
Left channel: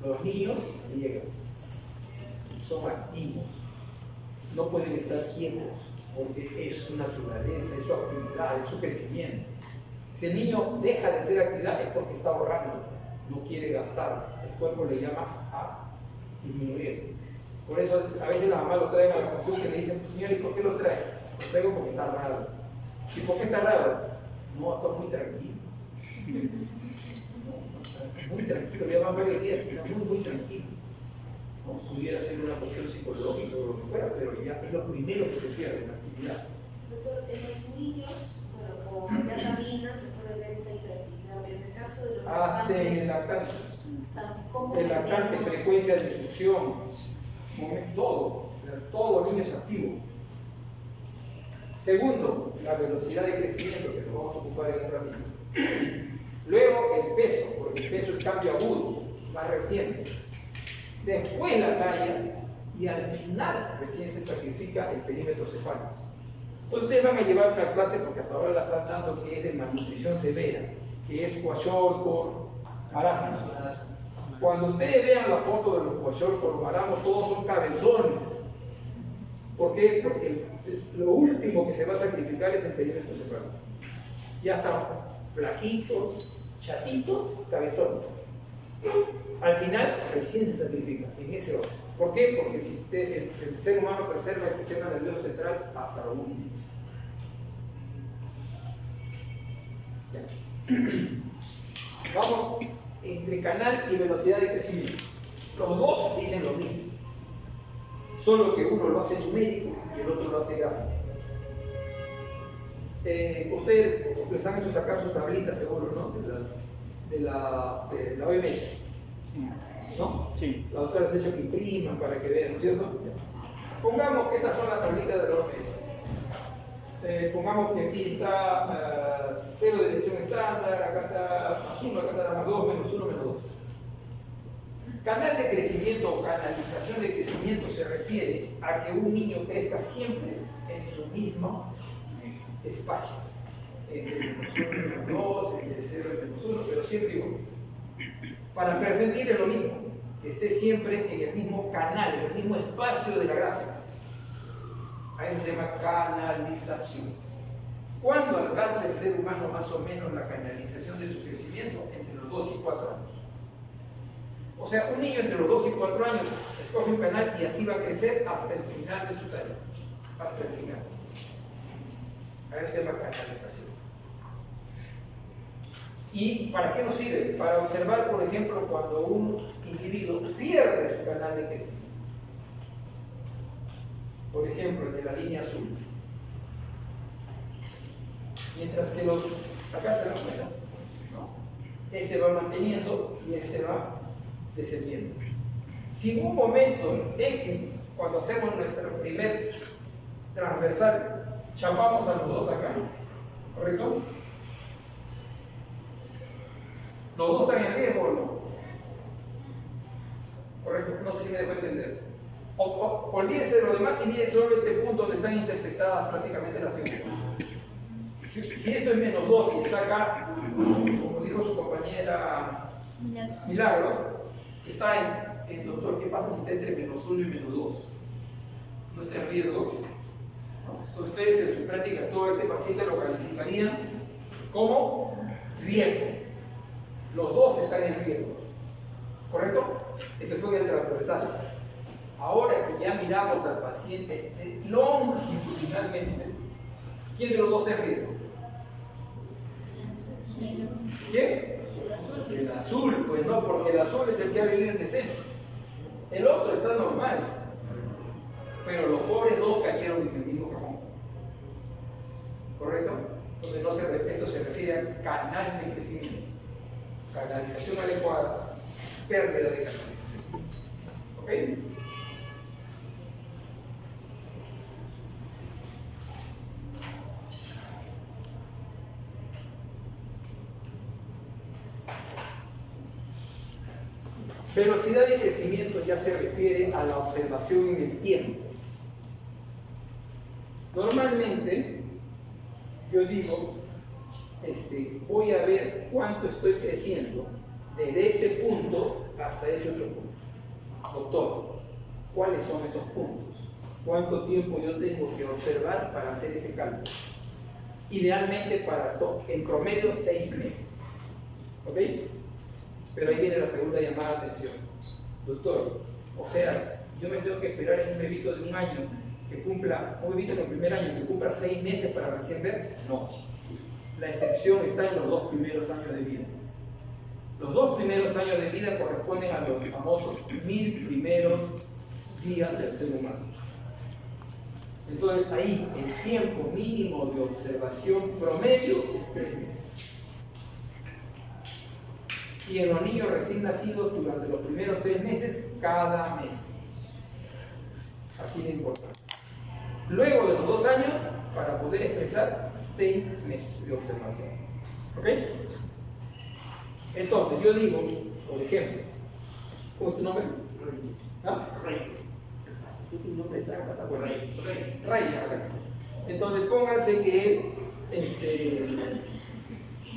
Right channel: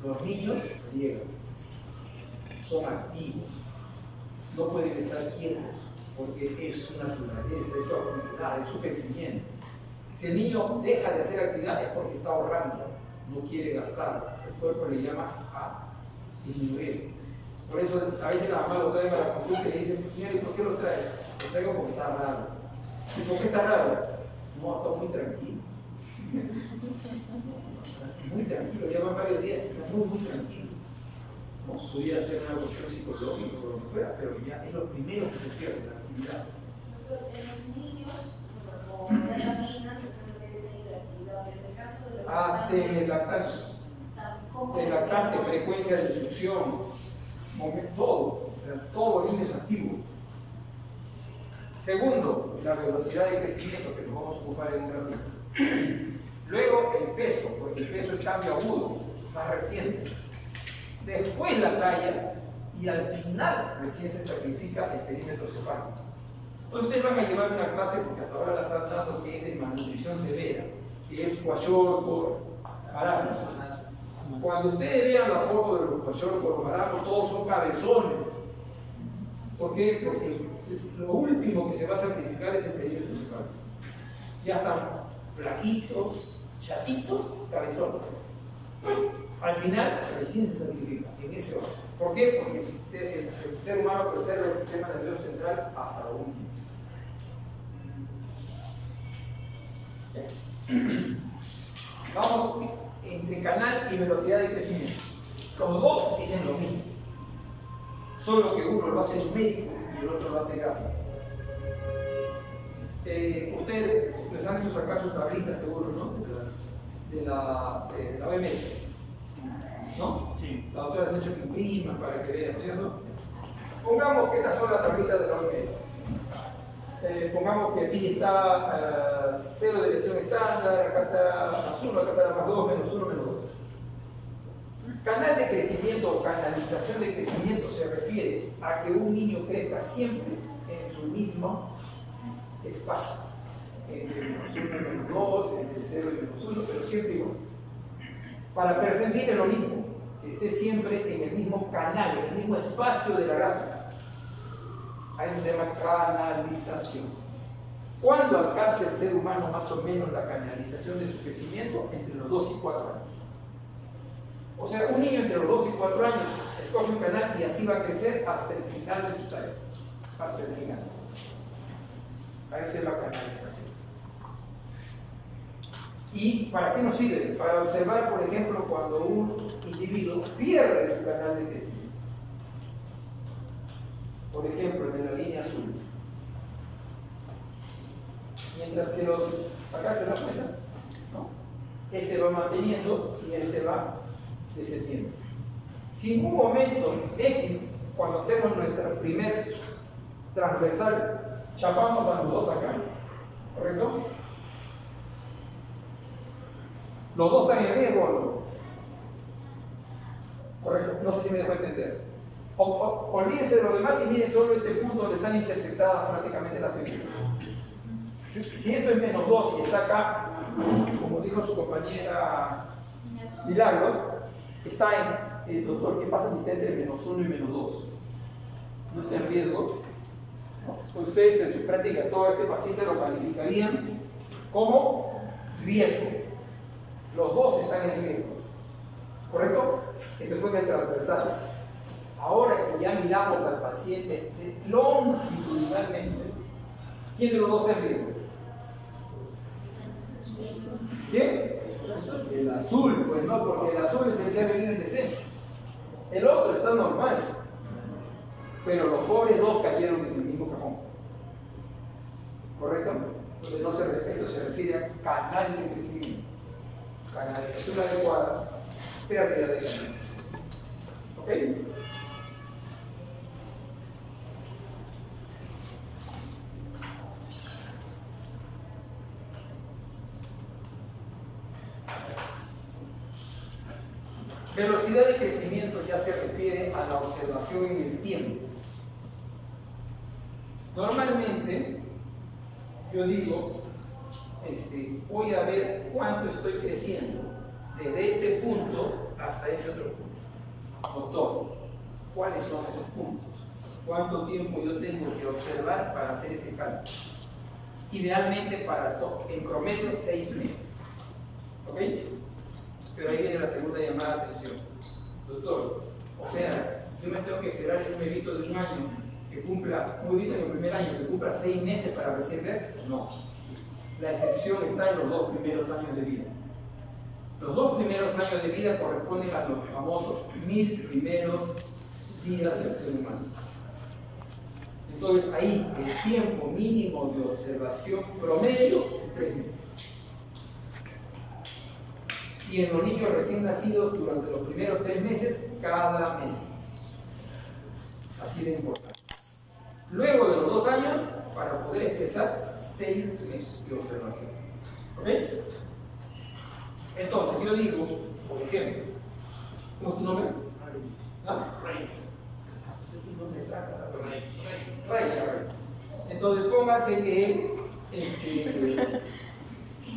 Los niños friegan, son activos, no pueden estar quietos, porque es su naturaleza, es su actividad, es su crecimiento. Si el niño deja de hacer actividad es porque está ahorrando, no quiere gastar, el cuerpo le llama a disminuir. Por eso a veces la mamá lo traen a la consulta y le dicen, señor, ¿y por qué lo trae? Lo traigo porque está raro. ¿Y por qué está raro? No, está muy tranquilo. Muy tranquilo, ya van varios días, está muy tranquilo. No pudiera ser una cuestión psicológica o lo que fuera, pero ya es lo primero que se pierde, la actividad. Doctor, en los niños, bueno, como ya camina, se puede ver esa hiperactividad, pero en el caso de los Hasta en el lactante. El lactante, frecuencia de instrucción, todo niño es activo. Segundo, la velocidad de crecimiento, que nos vamos a ocupar en un ratito. Luego el peso, porque el peso es cambio agudo, más reciente. Después la talla y al final recién se sacrifica el perímetro cefálico. Entonces ustedes van a llevar una clase, porque hasta ahora la están dando, que es de malnutrición severa, que es kwashiorkor, marasmo. Cuando ustedes vean la foto de los kwashiorkor, marasmo, todos son cabezones. ¿Por qué? Porque lo último que se va a sacrificar es el perímetro cefálico. Ya están flaquitos, chatitos, cabezones. Al final recién se sacrifica, en ese orden. ¿Por qué? Porque el ser humano preserva el sistema nervioso central hasta lo último. Vamos entre canal y velocidad de crecimiento. Los dos dicen lo mismo, solo que uno lo hace numérico y el otro lo hace gráfico. Ustedes les han hecho sacar sus tablitas, seguro, ¿no? De la OMS, ¿no? Sí. La doctora les ha hecho que impriman para que vean, ¿cierto? Pongamos que estas son las tablitas de la OMS. Pongamos que aquí está 0 de dirección estándar, acá está más 1, acá está más 2, menos 1, menos 2. Canal de crecimiento o canalización de crecimiento se refiere a que un niño crezca siempre en su mismo espacio, entre menos 1 y menos 2, entre 0 y menos 1, pero siempre igual. Para percentil es lo mismo, que esté siempre en el mismo canal, en el mismo espacio de la gráfica. A eso se llama canalización. ¿Cuándo alcanza el ser humano más o menos la canalización de su crecimiento? Entre los 2 y 4 años. O sea, un niño entre los 2 y 4 años escoge un canal y así va a crecer hasta el final de su talla. Hasta el final. A eso se llama canalización. ¿Y para qué nos sirve? Para observar, por ejemplo, cuando un individuo pierde su canal de crecimiento. Por ejemplo, el de la línea azul. Mientras que los... acá se dan cuenta, ¿no? Este va manteniendo y este va descendiendo. Si en un momento X, cuando hacemos nuestro primer transversal, chapamos a los dos acá, ¿correcto? ¿Los dos están en riesgo o no? Correcto, no sé si me dejo entender. Olvídense de lo demás y miren solo este punto donde están intersectadas prácticamente las figuras. Si esto es menos 2 y está acá, como dijo su compañera Milagros, está en, doctor, ¿qué pasa si está entre menos 1 y menos 2? ¿No está en riesgo? ¿No? Ustedes en su práctica todo este paciente lo calificarían como riesgo. Los dos están en riesgo, ¿correcto? Ese fue en el transversal. Ahora que ya miramos al paciente longitudinalmente, ¿quién de los dos está en riesgo? ¿Quién? El azul, pues no, porque el azul es el que ha venido en descenso. El otro está normal, pero los pobres dos cayeron en el mismo cajón. ¿Correcto? Entonces esto se refiere a canal de crecimiento. Canalización adecuada, pérdida de canalización. ¿Ok? Velocidad de crecimiento ya se refiere a la observación en el tiempo. Normalmente, yo digo, voy a ver cuánto estoy creciendo desde este punto hasta ese otro punto. Doctor, ¿cuáles son esos puntos? ¿Cuánto tiempo yo tengo que observar para hacer ese cálculo? Idealmente en promedio 6 meses. ¿Ok? Pero ahí viene la segunda llamada de atención. Doctor, o sea, yo me tengo que esperar en un bebito de un año que cumpla, un bebito en el primer año que cumpla 6 meses para recién ver. No. La excepción está en los 2 primeros años de vida. Los 2 primeros años de vida corresponden a los famosos 1000 primeros días del ser humano. Entonces ahí el tiempo mínimo de observación promedio es 3 meses. Y en los niños recién nacidos durante los primeros 3 meses, cada mes. Así de importante. Luego de los 2 años, para poder expresar 6 meses de observación. ¿Ok? Entonces yo digo, por ejemplo, ¿cómo es tu nombre? ¿Ah? Rey. Este es un nombre trampa, bueno, Rey. Entonces póngase que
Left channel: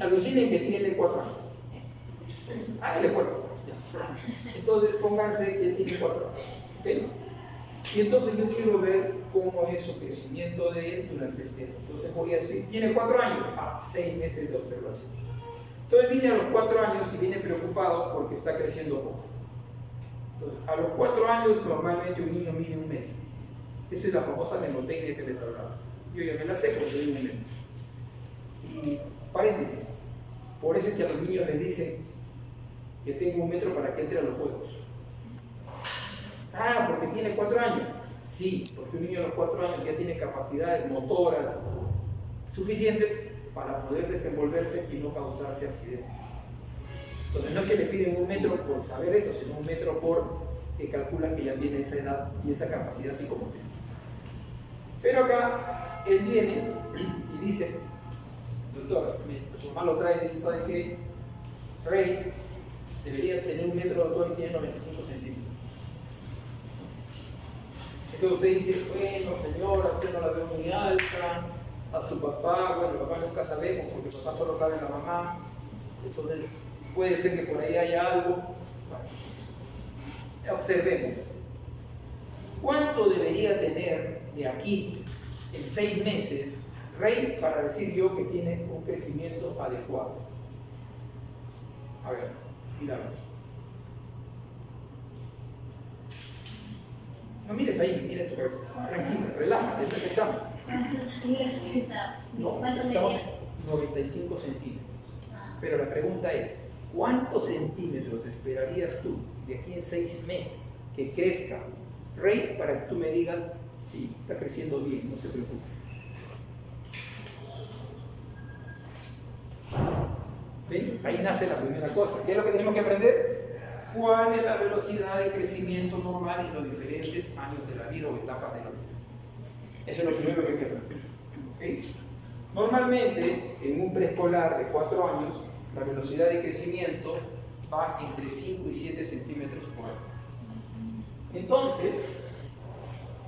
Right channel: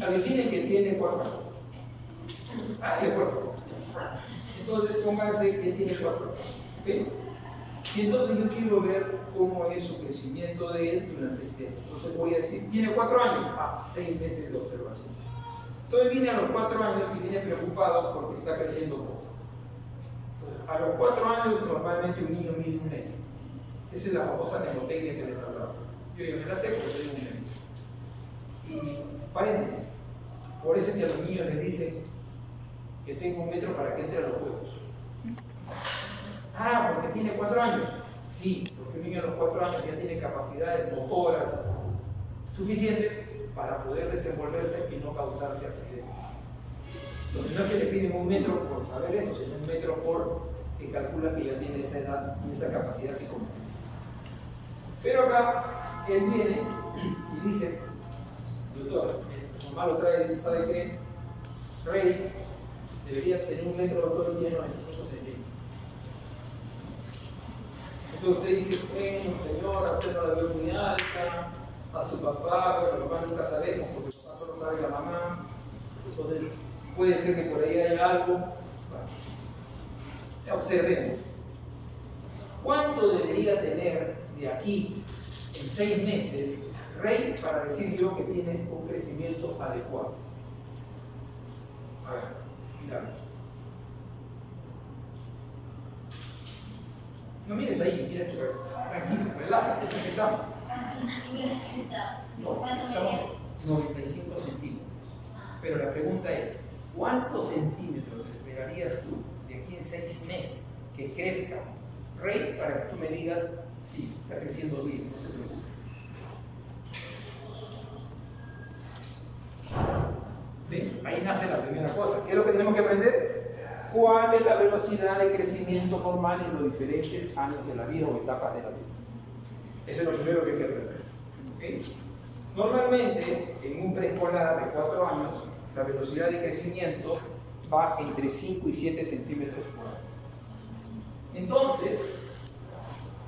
alucinen que tiene 4 años. Ah, de acuerdo. Entonces pónganse que tiene 4 años. ¿Okay? Y entonces yo quiero ver cómo es su crecimiento de él durante este tiempo. Entonces voy a decir, tiene 4 años, 6 meses de observación. Entonces viene a los 4 años y viene preocupado porque está creciendo poco. Entonces, a los 4 años normalmente un niño mide 1 metro. Esa es la famosa mnemotecnia que les hablaba. Yo ya me la sé porque soy 1 metro. Y paréntesis, por eso es que a los niños les dicen que tengo 1 metro para que entre a los juegos. Ah, porque tiene 4 años. Sí, porque un niño a los 4 años ya tiene capacidades motoras suficientes para poder desenvolverse y no causarse accidentes. Entonces no es que le piden 1 metro por saber esto, sino 1 metro por que calculan que ya tiene esa edad y esa capacidad psicomotriz. Pero acá él viene y dice, doctor, mi mamá lo trae y dice, ¿sabe qué? Rey debería tener 1 metro, doctor, y tiene 95 centímetros. Entonces usted dice, bueno señora, usted no la veo muy alta, a su papá, bueno, papá nunca sabemos, porque papá solo sabe la mamá, entonces puede ser que por ahí haya algo. Bueno, observemos. ¿Cuánto debería tener de aquí en 6 meses Rey para decir yo que tiene un crecimiento adecuado? A ver, miramos. No mires ahí, mira tu cabeza. Tranquilo, relájate, está empezando. No, estamos 95 centímetros. Pero la pregunta es, ¿cuántos centímetros esperarías tú de aquí en 6 meses que crezca Rey para que tú me digas, sí, está creciendo bien, no se preocupe? ¿Ven? Ahí nace la primera cosa. ¿Qué es lo que tenemos que aprender? ¿Cuál es la velocidad de crecimiento normal en los diferentes años de la vida o etapas de la vida? Eso es lo primero que hay que aprender. ¿Okay? Normalmente, en un preescolar de 4 años, la velocidad de crecimiento va entre 5 y 7 centímetros por año. Entonces,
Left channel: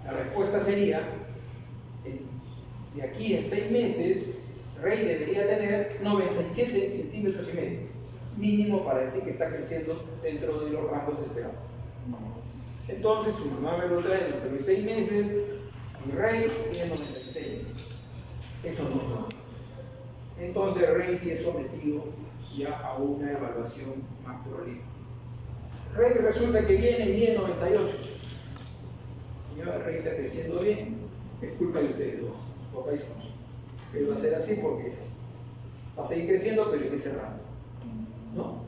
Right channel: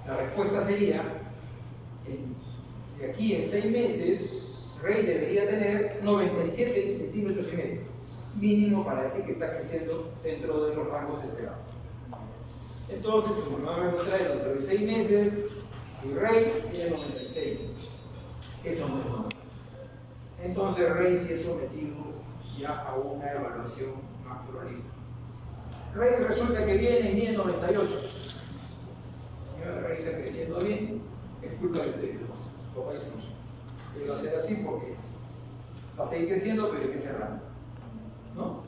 la respuesta sería, de aquí en 6 meses, Rey debería tener 97 centímetros y medio, mínimo para decir que está creciendo dentro de los rangos esperados. Entonces, su mamá me lo trae dentro de 6 meses, y Rey tiene 96. Eso no es normal. Entonces Rey sí es sometido ya a una evaluación más pluralista. Rey resulta que viene y mide 98. Señora, Rey está creciendo bien, es culpa de ustedes dos, papá y su hijo. Él va a ser así porque es así. Va a seguir creciendo, pero en ese rango. ¿No?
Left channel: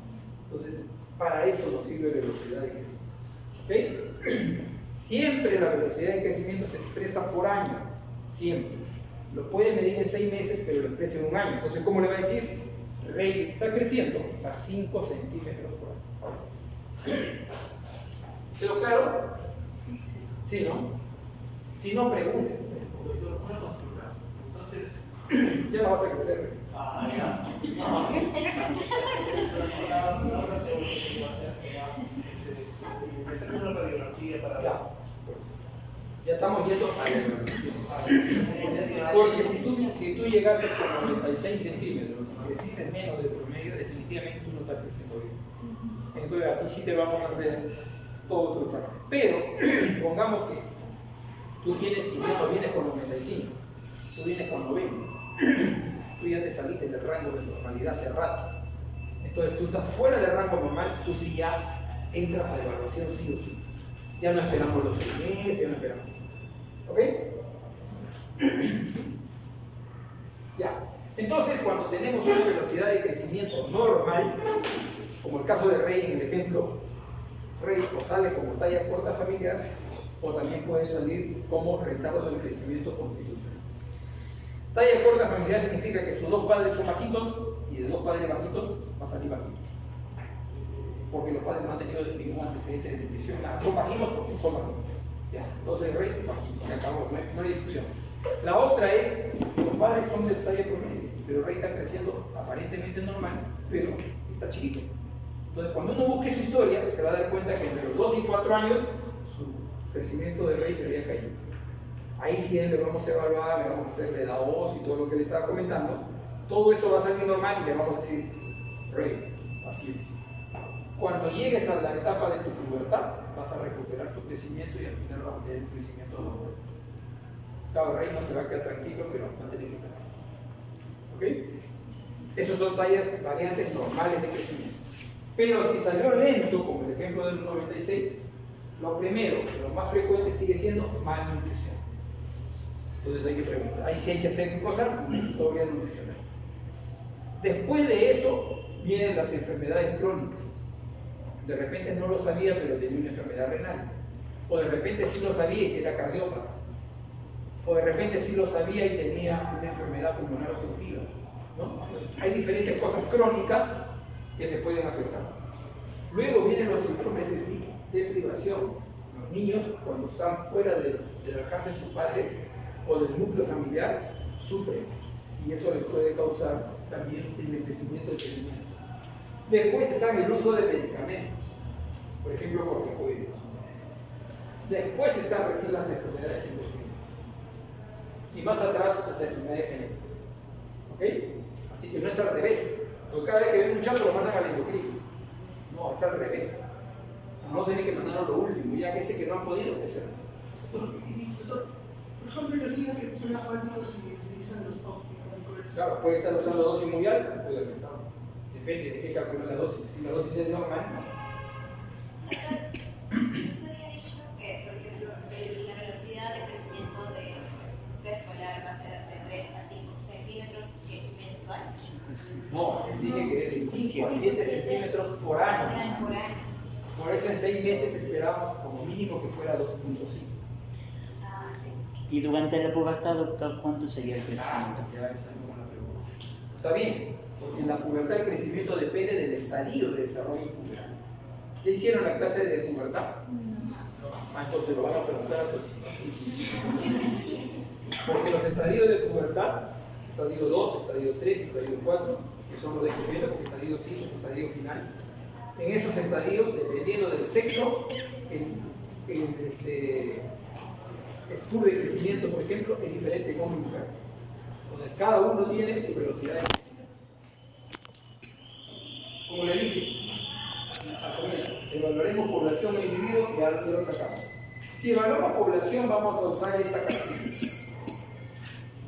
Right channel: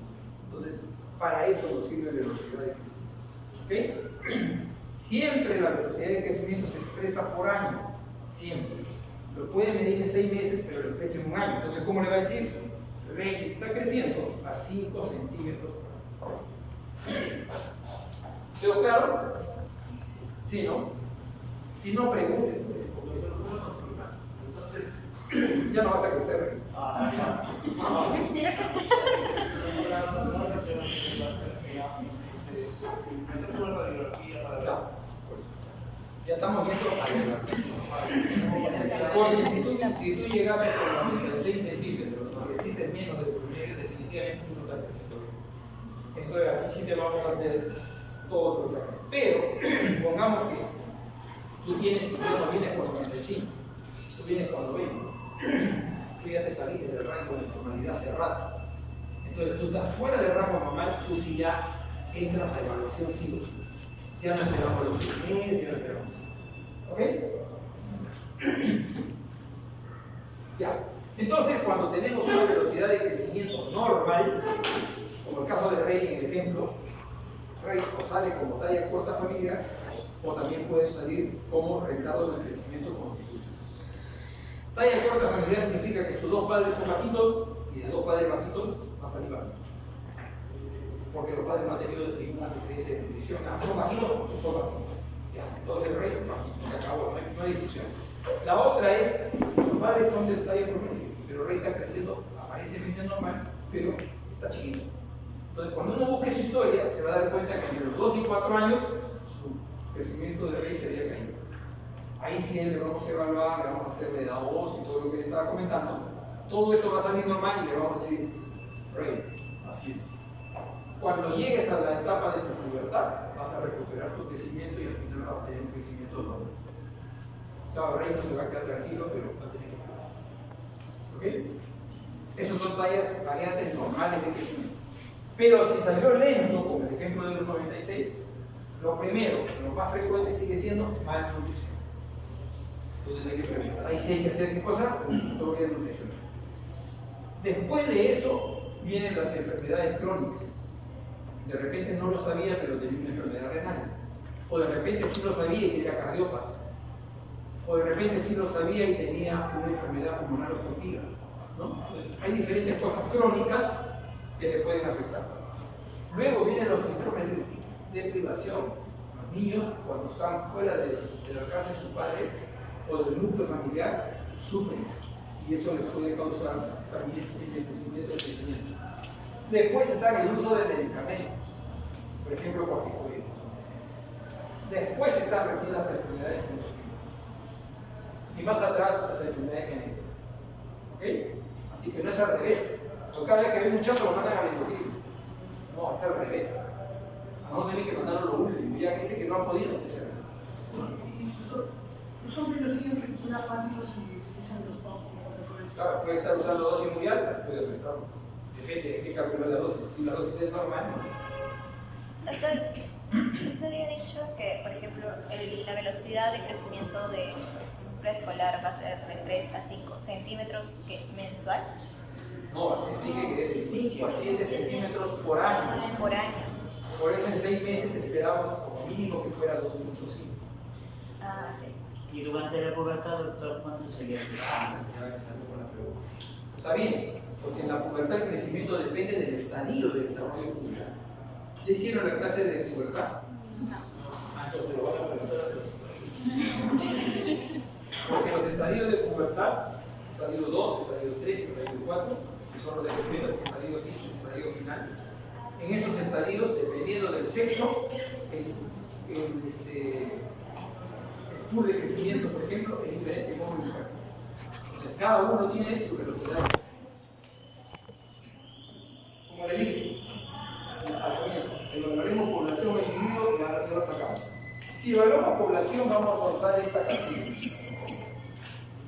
Entonces, para eso nos sirve la velocidad de crecimiento. ¿Ok? Siempre la velocidad de crecimiento se expresa por año. Siempre. Lo puede medir en 6 meses, pero lo expresa en 1 año. Entonces, ¿cómo le va a decir? Rey está creciendo a 5 centímetros por año. ¿Quedó claro? Sí, ¿no? Si no, pregunten. Entonces, ya no vas a crecer, Rey. Ya estamos yendo a la evaluación. Porque si tú llegaste con 96 centímetros, aunque necesites menos del promedio, definitivamente tú no estás creciendo bien. Entonces aquí sí te vamos a hacer todo tu examen. Pero pongamos que tú vienes con 95, tú vienes con 90, tú ya te saliste del rango de normalidad hace rato. Entonces tú estás fuera del rango normal, tú sí ya entras a evaluación sí o sí. Ya no esperamos los 6 meses, ya no esperamos. ¿Ok? Ya. Entonces, cuando tenemos una velocidad de crecimiento normal, como el caso de Rey en el ejemplo, Rey o sale como talla corta familiar, o también puede salir como retardo del crecimiento constitucional. Talla corta familiar significa que sus dos padres son bajitos y de dos padres bajitos va a salir bajito. Porque los padres no han tenido ningún antecedente de nutrición, nada, son bajitos porque son bajitos. Ya. Entonces el Rey es bajito, se acabó, no hay discusión. La otra es, los padres son de talla promedio, pero el Rey está creciendo aparentemente normal, pero está chiquito. Entonces, cuando uno busque su historia, se va a dar cuenta que entre los 2 y 4 años, su crecimiento de Rey se había caído. Ahí sí le vamos a evaluar, le vamos a hacer la edad OS y todo lo que le estaba comentando. Todo eso va a salir normal y le vamos a decir, Rey, así es. Cuando llegues a la etapa de tu pubertad, vas a recuperar tu crecimiento y al final vas a tener un crecimiento normal. Claro, Rey no se va a quedar tranquilo, pero va a tener que parar. ¿Ok? Esas son tallas, variantes normales de crecimiento. Pero si salió lento, como el ejemplo de los 96, lo primero, lo más frecuente sigue siendo malnutrición. Entonces hay que preguntar. Ahí sí hay que hacer ¿qué cosa? Una historia nutricional. Después de eso vienen las enfermedades crónicas. De repente no lo sabía, pero tenía una enfermedad renal. O de repente sí lo sabía y era cardiópata. O de repente sí lo sabía y tenía una enfermedad pulmonar obstructiva, ¿no? Entonces, hay diferentes cosas crónicas que te pueden afectar. Luego vienen los síndromes de privación. Los niños, cuando están fuera del alcance de sus padres o del núcleo familiar, sufren. Y eso les puede causar también envejecimiento y crecimiento. Después está el uso de medicamentos, por ejemplo, corticoides. Después están recién las enfermedades endocrinas. Y más atrás las enfermedades genéticas. ¿Ok? Así que no es al revés. Porque cada vez que ven un chato lo mandan al endocrino. No, es al revés. No tienen que mandarlo a lo último, ya que sé que no han podido hacer. Por ejemplo, los niños que son apáticos y utilizan los corticoides. Claro, puede estar usando dosis mundial, puede afectarlo. Depende de qué calcula la dosis. Si la dosis es normal, no. Doctor, usted había dicho que, por ejemplo, la velocidad de crecimiento de un preescolar va a ser de 3 a 5 centímetros mensual. No, les dije que es de 5 a 7 centímetros por año. Por año. Por eso en 6 meses esperábamos como mínimo que fuera 2.5. Ah, sí. ¿Y durante la pubertad, doctor, cuánto sería el crecimiento? Ya empezando con la pregunta. Está bien, porque en la pubertad el crecimiento depende del estadio de desarrollo puberal. ¿Ya hicieron la clase de pubertad? No. Ah, entonces lo van a preguntar a sus. Porque los estadios de pubertad, estadio 2, estadio 3 y estadio 4, que son los de crecimiento, porque estadio 5 es estadio final. En esos estadios, dependiendo del sexo, el estudio de crecimiento, por ejemplo, es diferente como mujer. Entonces, cada uno tiene su velocidad de crecimiento. Como le dije, al comienzo, evaluaremos población e individuo y ahora lo sacamos. Si evaluamos población, vamos a usar esta característica.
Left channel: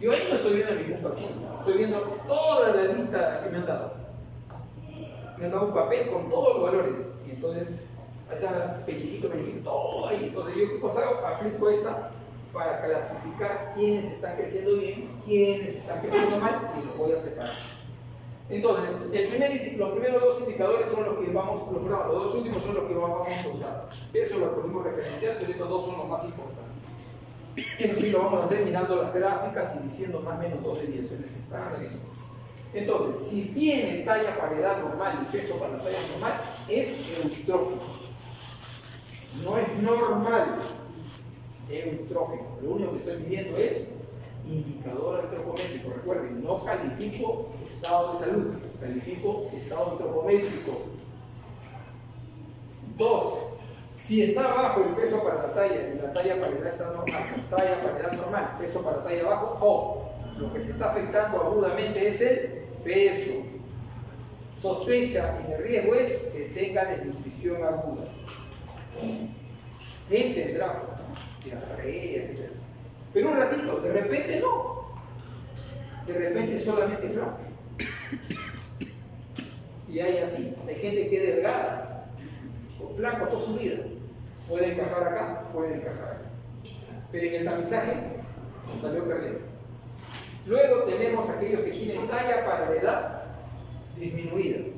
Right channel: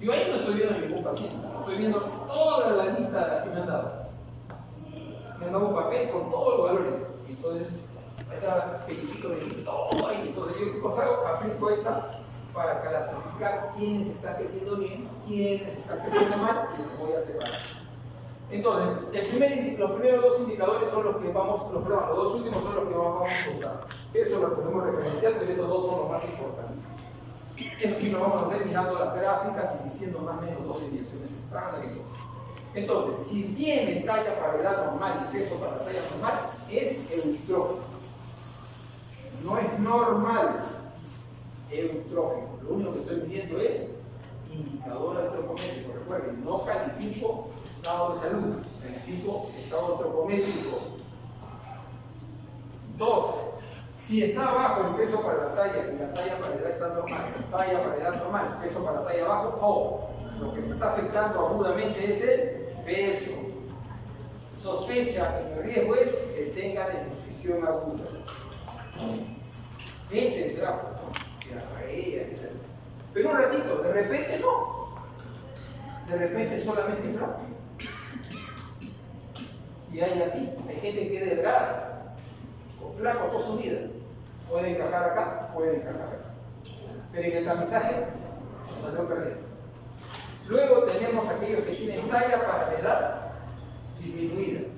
Yo ahí no estoy viendo a ningún paciente, estoy viendo toda la lista que me han dado. Me han dado un papel con todos los valores. Y entonces, ahí está pellizquito, todo ahí. Entonces, yo qué cosa hago, aplico esta para clasificar quiénes están creciendo bien, quiénes están creciendo mal, y los voy a separar. Entonces, los primeros dos indicadores son los que vamos, los dos últimos son los que vamos a usar. Eso lo podemos referenciar, pero estos dos son los más importantes. Eso sí lo vamos a hacer mirando las gráficas y diciendo más o menos dos desviaciones estándar y todo. Entonces, si tiene talla para edad normal y peso para talla normal, es eutrófico. No es normal, eutrófico. Lo único que estoy midiendo es indicador antropométrico. Recuerden, no califico estado de salud, califico estado antropométrico. 2. Si está bajo el peso para la talla y la talla para la edad está normal, talla para la edad normal, peso para la talla bajo, lo que se está afectando agudamente es el peso. Sospecha en el riesgo es que tenga desnutrición aguda. ¿Quién tendrá? Diarrea, etc. Pero un ratito, de repente no. De repente solamente flaco. Y hay así, hay gente que es delgada, o flaco toda su vida. Puede encajar acá, puede encajar acá. Pero en el tamizaje nos salió perdido. Luego tenemos aquellos que tienen talla para la edad disminuida.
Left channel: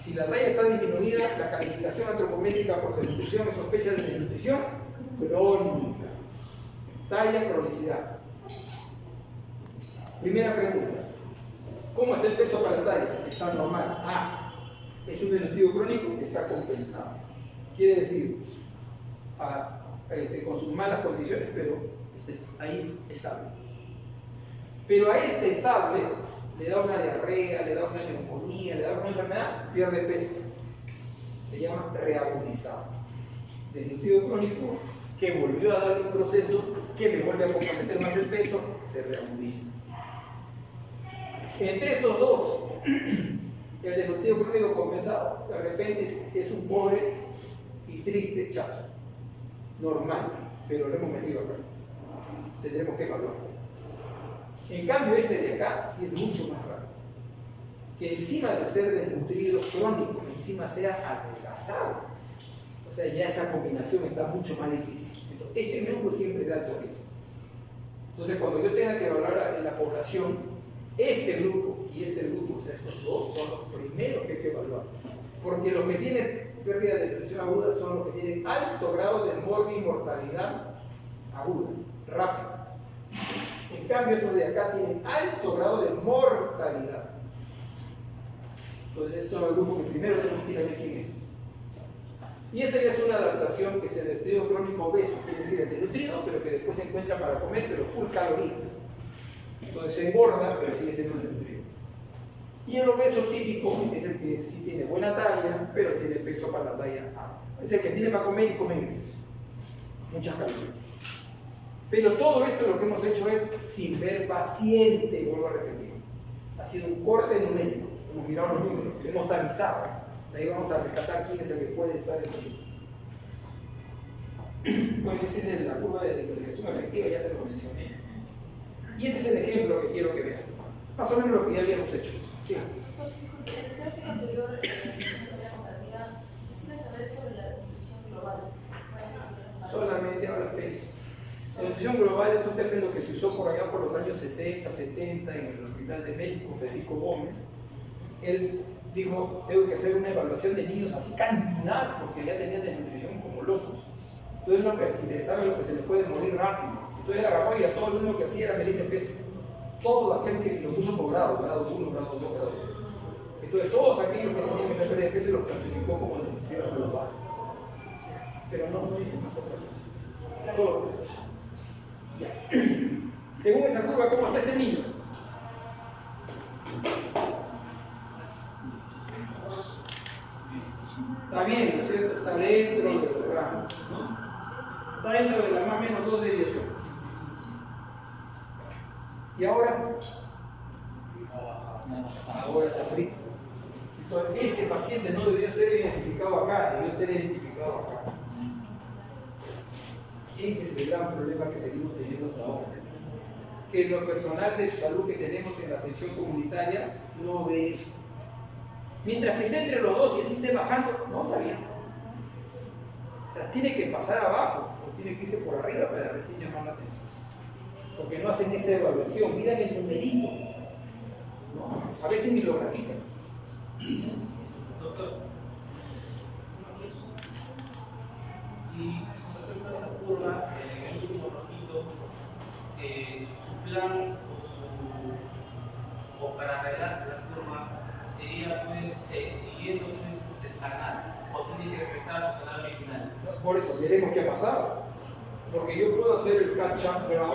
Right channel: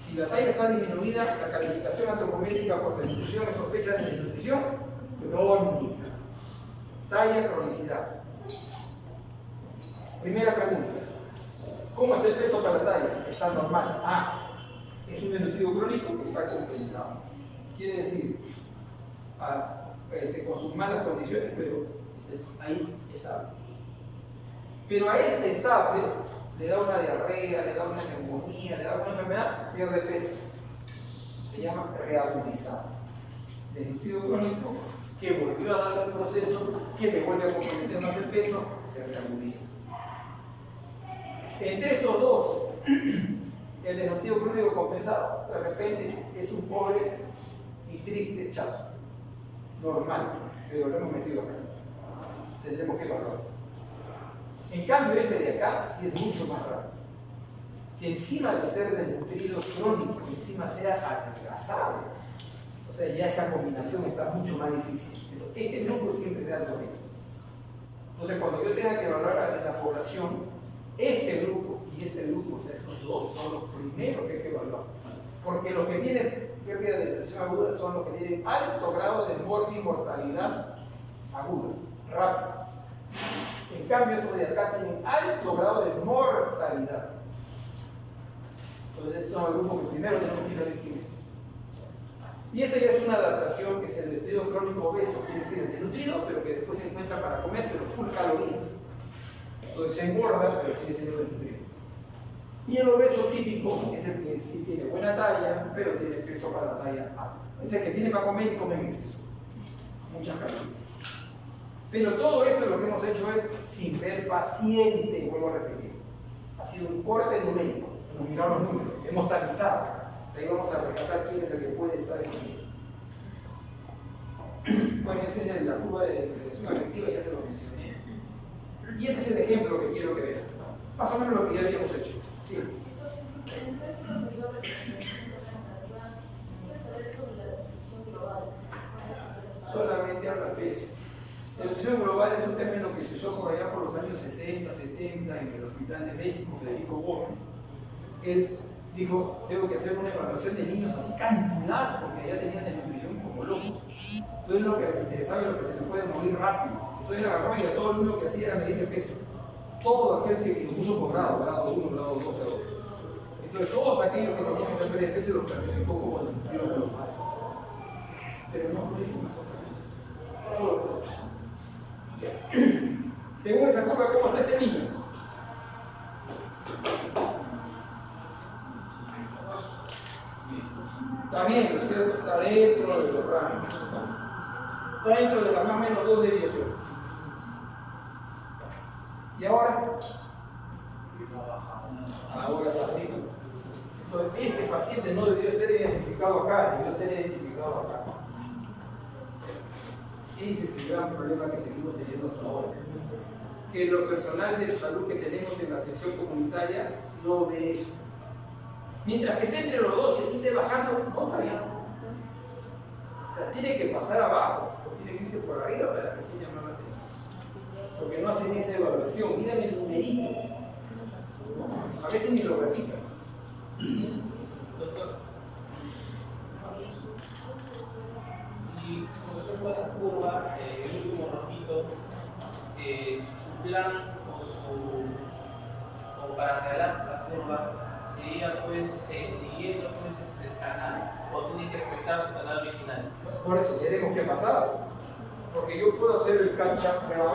Si la talla está disminuida, la calificación antropométrica por desnutrición es sospecha de desnutrición crónica. Talla, cronicidad. Primera pregunta. ¿Cómo está el peso para la talla? Está normal. Es un desnutrido crónico que está compensado. Quiere decir, con sus malas condiciones, pero ahí estable. Pero a este estable le da una diarrea, le da una neumonía, le da una enfermedad, pierde peso. Se llama reagudizado. Desnutrido crónico que volvió a dar un proceso que le vuelve a comprometer más el peso, se reagudiza. Entre estos dos, el desnutrido crónico compensado, de repente es un pobre y triste chato. Normal, pero lo hemos metido acá. Tendremos que evaluar. En cambio, este de acá sí es mucho más raro. Que encima de ser desnutrido crónico, encima sea adelgazado. O sea, ya esa combinación está mucho más difícil. Entonces, este grupo es siempre de alto riesgo. Entonces, cuando yo tenga que evaluar en la población, este grupo y este grupo, o sea, estos dos son los primeros que hay que evaluar. Porque los que tienen pérdida de presión aguda son los que tienen alto grado de mortalidad aguda, rápida. En cambio, estos de acá tienen alto grado de mortalidad. Entonces, ese es el grupo que primero tenemos que ver quién es. Y esta ya es una adaptación que es el desnutrido crónico obeso, quiere decir el desnutrido, pero que después se encuentra para comer, pero full calorías. Entonces se engorda, pero sigue siendo desnutrido. Y el obeso típico es el que sí tiene buena talla, pero tiene peso para la talla A. Es el que tiene para comer y come en exceso. Muchas calorías. Pero todo esto lo que hemos hecho es sin ver paciente, vuelvo a repetir. Ha sido un corte numérico. Hemos mirado los números, hemos tamizado. Ahí vamos a rescatar quién es el que puede estar en el. Bueno, ese es la curva de desnutrición efectiva, ya se lo mencioné. Y este es el ejemplo que quiero que vean. Más o menos lo que ya habíamos hecho. Sí. Entonces, en el gráfico anterior, de la contabilidad, quisiera saber sobre la definición global. Solamente habla de eso. La definición global es un término que se usó por allá por los años 60, 70 en el Hospital de México, Federico Gómez. Él dijo, tengo que hacer una evaluación de niños así cantidad, porque ya tenían desnutrición como locos. Entonces lo que se interesaba es lo que se le puede morir rápido. Entonces agarró y a todo lo único que hacía era medir el peso. Todo aquel que lo puso por grado 1, grado 2, grado 3. Entonces todos aquellos que tenían que perder peso los clasificó como desnutrición global. Pero no hizo más. Todo lo que según esa curva, ¿cómo está este niño? Está bien, ¿no es cierto? Está dentro de los rangos, ¿no? Está dentro de las más o menos 2 desviaciones. ¿Y ahora? Ahora está frito. Entonces, este paciente no debió ser identificado acá, debió ser identificado acá. Ese es el gran problema que seguimos teniendo hasta ahora. Que lo personal de salud que tenemos en la atención comunitaria no ve eso. Mientras que esté entre los dos y así esté bajando, no está bien. O sea, tiene que pasar abajo, o tiene que irse por arriba para recién llamar la atención. Porque no hacen esa evaluación, miran el numerito. ¿No? A veces ni lo grafican. Doctor, y con respecto a esa curva, el último rojito, su plan o para adelantar la curva sería pues siguiendo pues este canal o tiene que regresar a su canal original. Por eso veremos qué pasa. Porque yo puedo hacer el flat shaft grado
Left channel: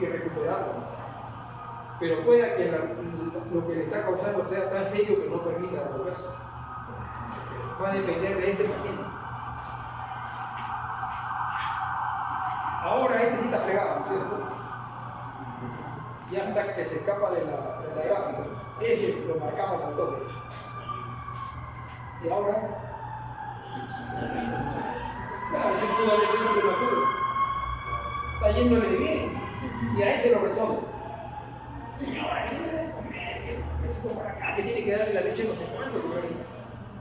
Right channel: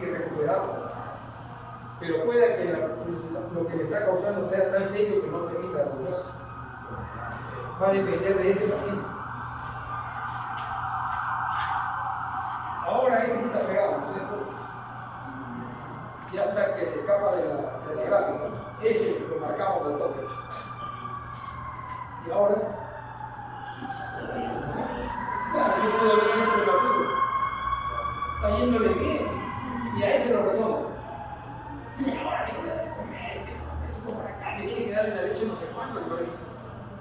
y recuperarlo. Pero pueda que lo que le está causando sea tan serio que no permita volverse. Va a depender de ese paciente. ahora este sí está fregado, ¿no es cierto? Ya está que se escapa de la gráfica. Ese lo marcamos al toque. Y ahora, claro, yo puedo ver siempre la curva. Está yéndole bien. Y a ese lo resuelve. Señora, que no le debe comer, que no necesito para acá, que tiene que darle la leche no sé cuánto por ahí.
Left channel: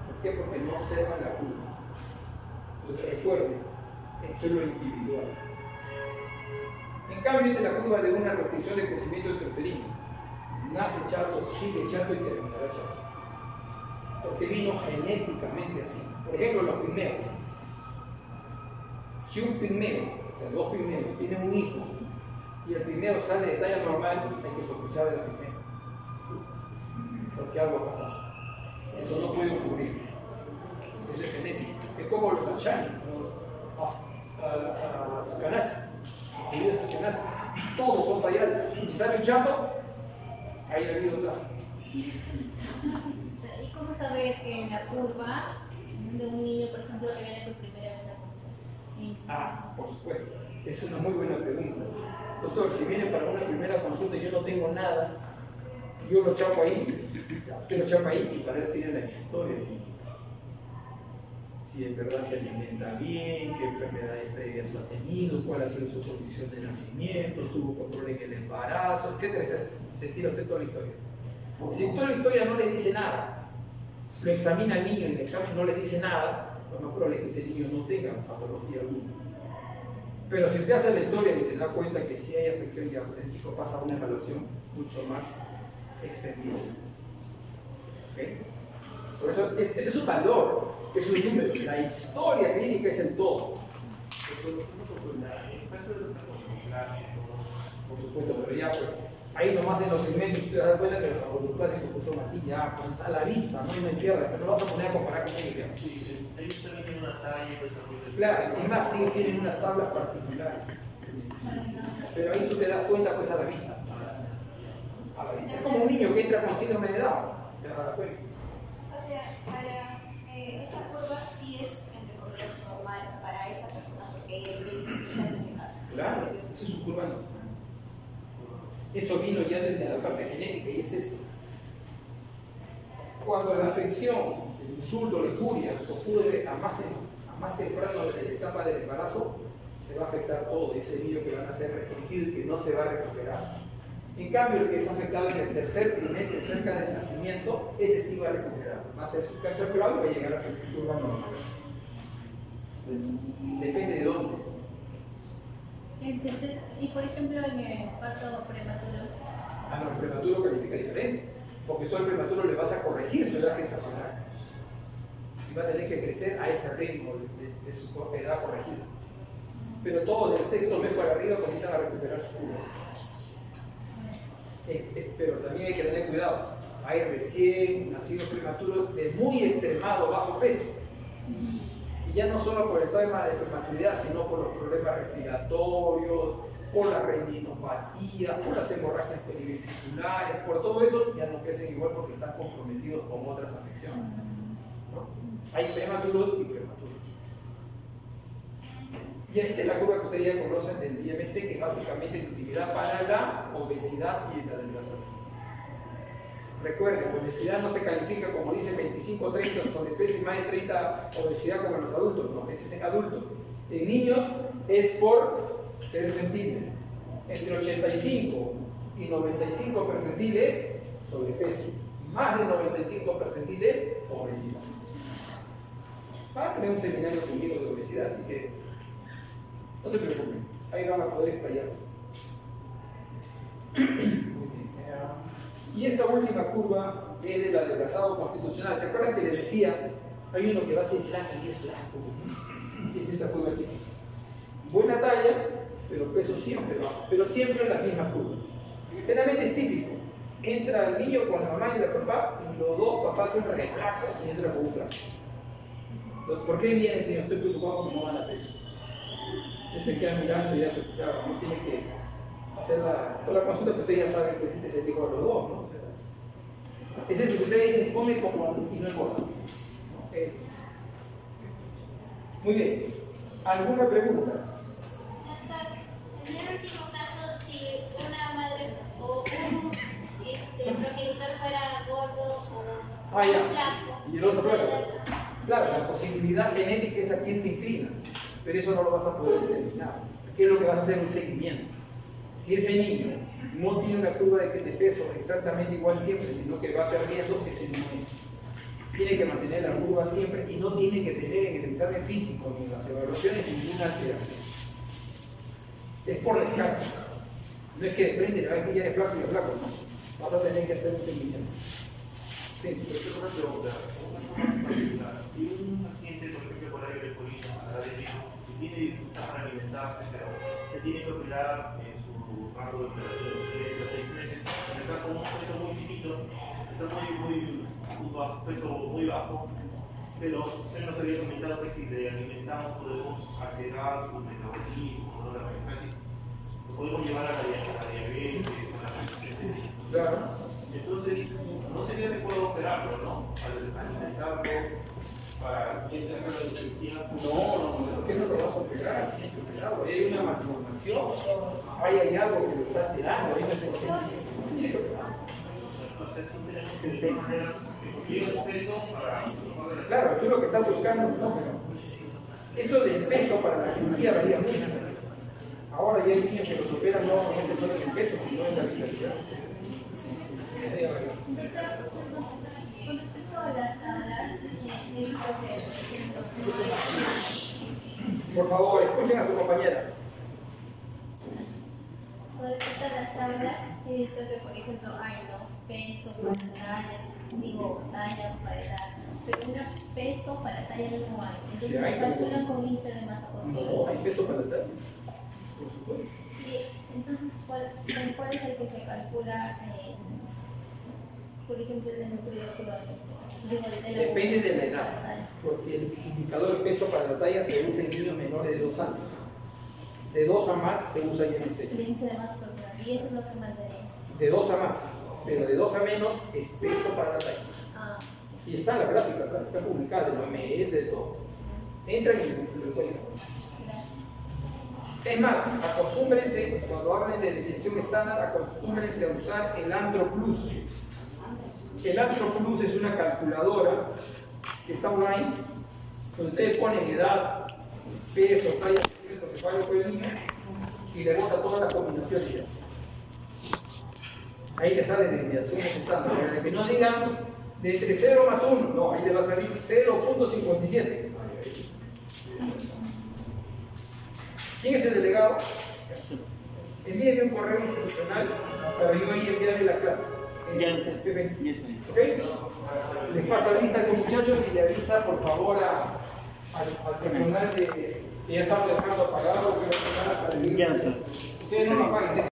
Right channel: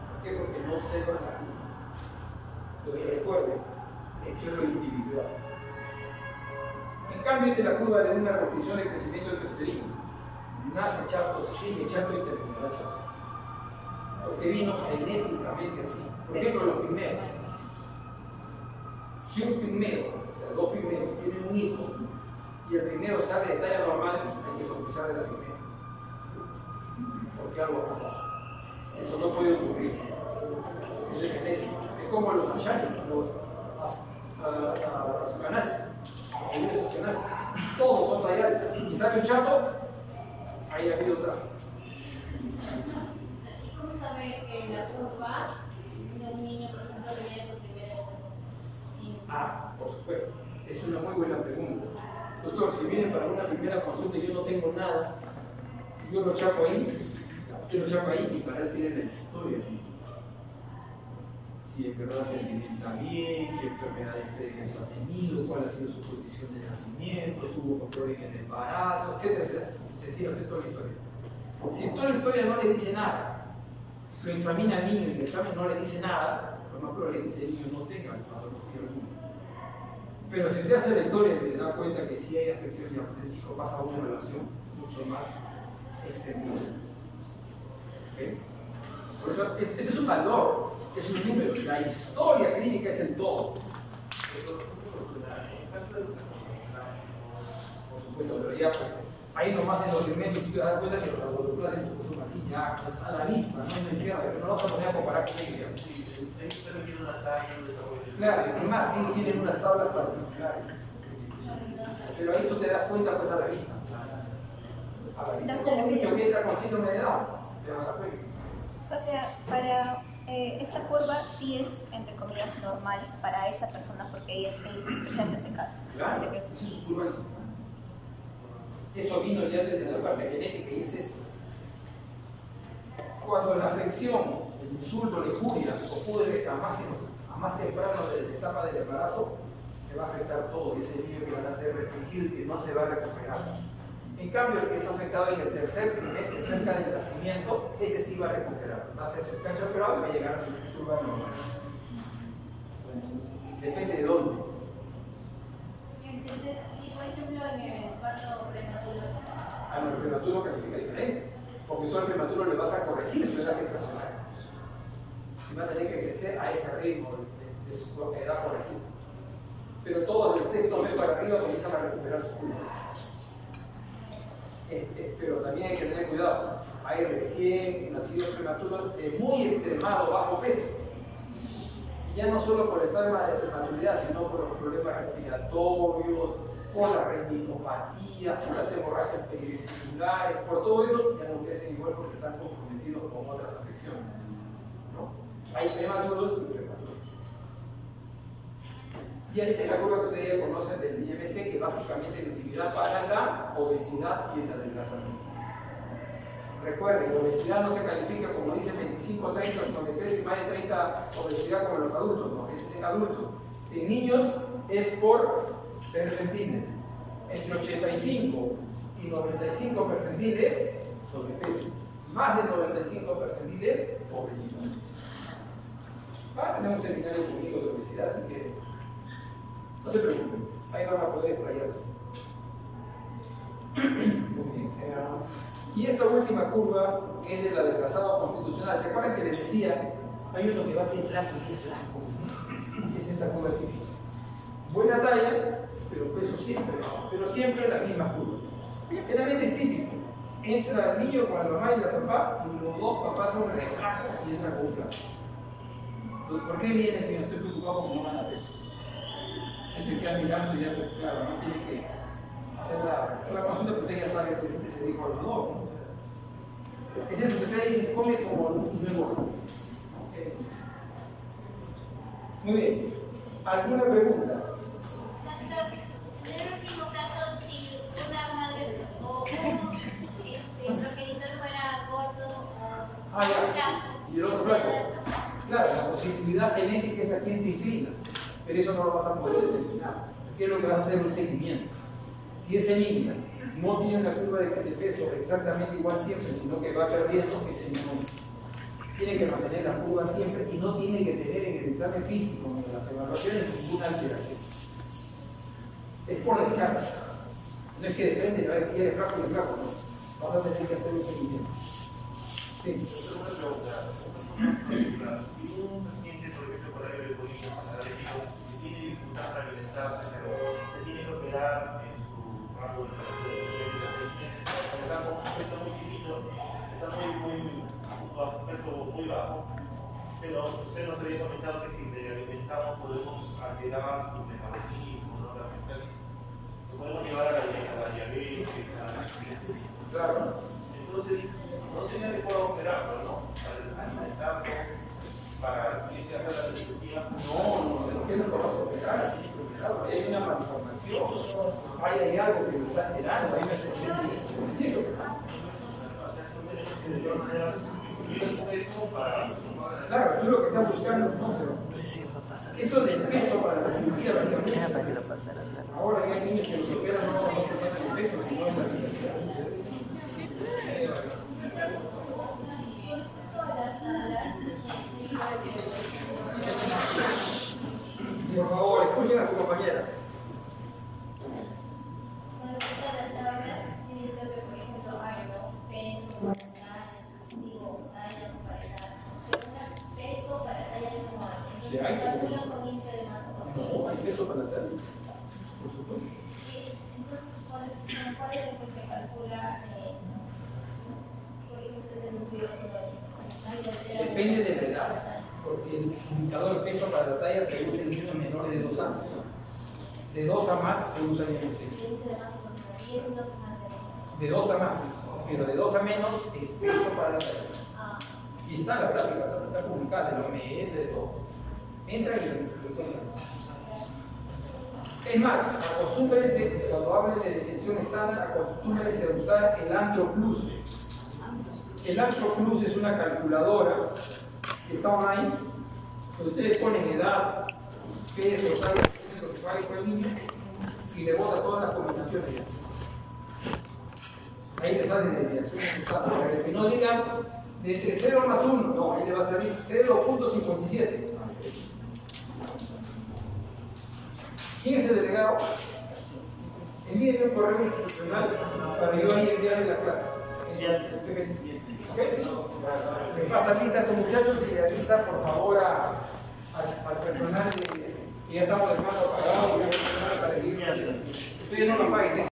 ¿Por qué? Porque no cerra la curva. Lo que recuerden, esto es lo individual. En cambio, esta es la curva de una restricción de crecimiento intrauterino. Nace chato, sigue chato y terminará chato. Porque vino genéticamente así. Por ejemplo, los pigmeos. Si un pigmeo, o sea, dos pigmeos, tienen un hijo y el pigmeo sale de talla normal, hay que sospechar de la pigmeo. Porque algo ha pasado. Eso no puede ocurrir. Eso es genético. Es como los ashaños, los ascanas. Todos son tallados. Si sale un chato, ahí ha habido otra. ¿Y cómo saber que en la curva de un niño, por ejemplo, que viene por primera vez a cosa? Por supuesto. Es una muy buena pregunta. Doctor, si viene para una primera consulta y yo no tengo nada, yo lo chapo ahí, y para él tiene la historia. Si en verdad se alimenta bien, qué enfermedades previas ha tenido, cuál ha sido su condición de nacimiento, tuvo control en el embarazo, etc. Se tira usted toda la historia. Si toda la historia no le dice nada, lo examina el niño y el examen no le dice nada, lo más probable es que ese niño no tenga patología alguna. Pero si usted hace la historia y se da cuenta que si hay afección, ya ese chico pasa a una evaluación mucho más extendida. ¿Okay? Por eso, este es un valor, es un número. La historia clínica es el todo. Por supuesto, pero ya pues, ahí nomás en los segmentos tú te das cuenta que los laboratorios son así ya, pues, a la vista, no me entiendes, pero no lo vas a poner a comparar con ellos. Claro, y más, ellos tienen unas tablas particulares. Pero ahí tú te das cuenta pues a la vista. A la vista. Es como un niño que entra con síndrome de Down, te das cuenta. O sea, para esta curva sí es, entre comillas, normal para esta persona porque ella está en este caso. Claro, es su curva. Eso vino ya desde la parte genética y es esto. Cuando la afección, el insulto, la injuria ocurre a más temprano de la etapa del embarazo, se va a afectar todo. Ese niño que va a ser restringido y que no se va a recuperar. En cambio, el que es afectado en el tercer trimestre, cerca del nacimiento, ese sí va a recuperar. Va a ser su cacho operado y va a llegar a su curva normal. Pues, depende de dónde. Y por ejemplo, en el parto prematuro. No, el prematuro califica diferente. Porque solo el prematuro le vas a corregir su edad gestacional. Y va a tener que crecer a ese ritmo de su edad corregida. Pero todos del sexto mes para arriba comienzan a recuperar su curva. Pero también hay que tener cuidado. Hay recién nacidos prematuros de muy extremado bajo peso. Y ya no solo por el tema de prematuridad, sino por los problemas respiratorios, por la retinopatía, por las hemorragias periventriculares, por todo eso ya no crecen igual porque están comprometidos con otras afecciones. ¿No? Hay prematuros y prematuros. Y ahí está la curva que ustedes ya conocen del IMC, que básicamente es de utilidad para la obesidad y el adelgazamiento. Recuerden, la obesidad no se califica como dicen 25-30, sobrepeso y más de 30 obesidad como en los adultos, no, eso es en adultos. En niños es por percentiles. Entre 85 y 95 percentiles, sobrepeso. Más de 95 percentiles, obesidad. Va a tener un seminario conmigo de obesidad, así que no se preocupen, ahí van a poder explayarse. Y esta última curva es del adelgazado constitucional. ¿Se acuerdan que les decía? Hay uno que va a ser flaco y es flaco. Es esta curva aquí. Buena talla, pero peso siempre bajo. Pero siempre las mismas curvas. Generalmente es típico. Entra el niño con la mamá y la papá, y los dos papás son re flacos y entra con un flaco. Entonces, ¿por qué viene, señor? Estoy preocupado porque no van a peso. Se queda mirando y ya, claro, no tiene que hacer la consulta, pero usted ya sabe que el paciente se dijo a los dos, ¿no? Es eso que usted dice, come como y no engorda. ¿No? Muy bien. ¿Alguna pregunta? Doctor, último caso, si una madre o un progenitor fuera gordo o flaco, y el otro flaco. Claro, la posibilidad genética es a quien te inclina, pero eso no lo vas a poder determinar. ¿Qué es lo que vas a hacer? Un seguimiento. Si ese niño no tiene una curva de peso exactamente igual siempre, sino que va perdiendo, ese niño tiene que mantener la curva siempre y no tiene que tener en el examen físico ni en las evaluaciones ninguna alteración. Es por descarte. No es que depende, a ver si ya eres flaco y es flaco, no. Vas a tener que hacer un seguimiento. Sí. Pero una pregunta, si un paciente, por ejemplo, con alcoholismo, diabético, tiene dificultad para alimentarse, pero se tiene que operar en su rango de operación de 6 meses, está con un peso muy chiquito, está peso muy bajo, pero usted nos había comentado que si le alimentamos podemos alterar su metabolismo, ¿no? La pesáis, lo podemos llevar a la diabetes, a la diabetes. Claro. Entonces, no sería adecuado operarlo, ¿no? Alimentarlo para que haga la cirugía. No, ¿por qué no lo vas a operar? Hay una malformación, hay algo que lo está alterando, hay una especie de Claro, tú lo que estás buscando, no, pero eso del peso para la cirugía varía mucho. Ahora ya hay niños que los operan no solamente siempre el peso, sino en la cirugía. Por favor, escuchen a su compañera. Con respecto a las tablas, he visto que, por ejemplo, hay peso para talla para edad, pero un peso para talla no hay. Entonces, Sí, hay. calculan con índice de masa corporal. No, hay peso para tal, por supuesto. Entonces, ¿cuál es el que se calcula, por ejemplo, el núcleo económico? Depende de la edad, porque el indicador de peso para la talla se usa en niños menores de 2 años. De 2 a más se usa IMC. El índice de masa corporal, y eso es lo que más se ve. De 2 a más, pero de 2 a menos es peso para la talla. Y está en la gráfica, está publicada, en la OMS, de todo. Entran y lo encuentran. Es más, acostúmbrense, cuando hablen de detección estándar, acostúmbrense a usar el Antro Plus. El Antro Plus es una calculadora que está online, donde ustedes ponen edad, peso, talla, centímetros cefálico del niño y le bota todas las combinaciones ya. Ahí le salen desviaciones estándar, para que no digan de entre 0 más 1, no, ahí le va a salir 0.57. ¿Quién es el delegado? Envíenme un correo institucional para yo ahí enviarle la clase. ¿Okay? Les pasa lista con muchachos y le avisa por favor al personal que ya estamos dejando apagado, para que ustedes no lo paguen.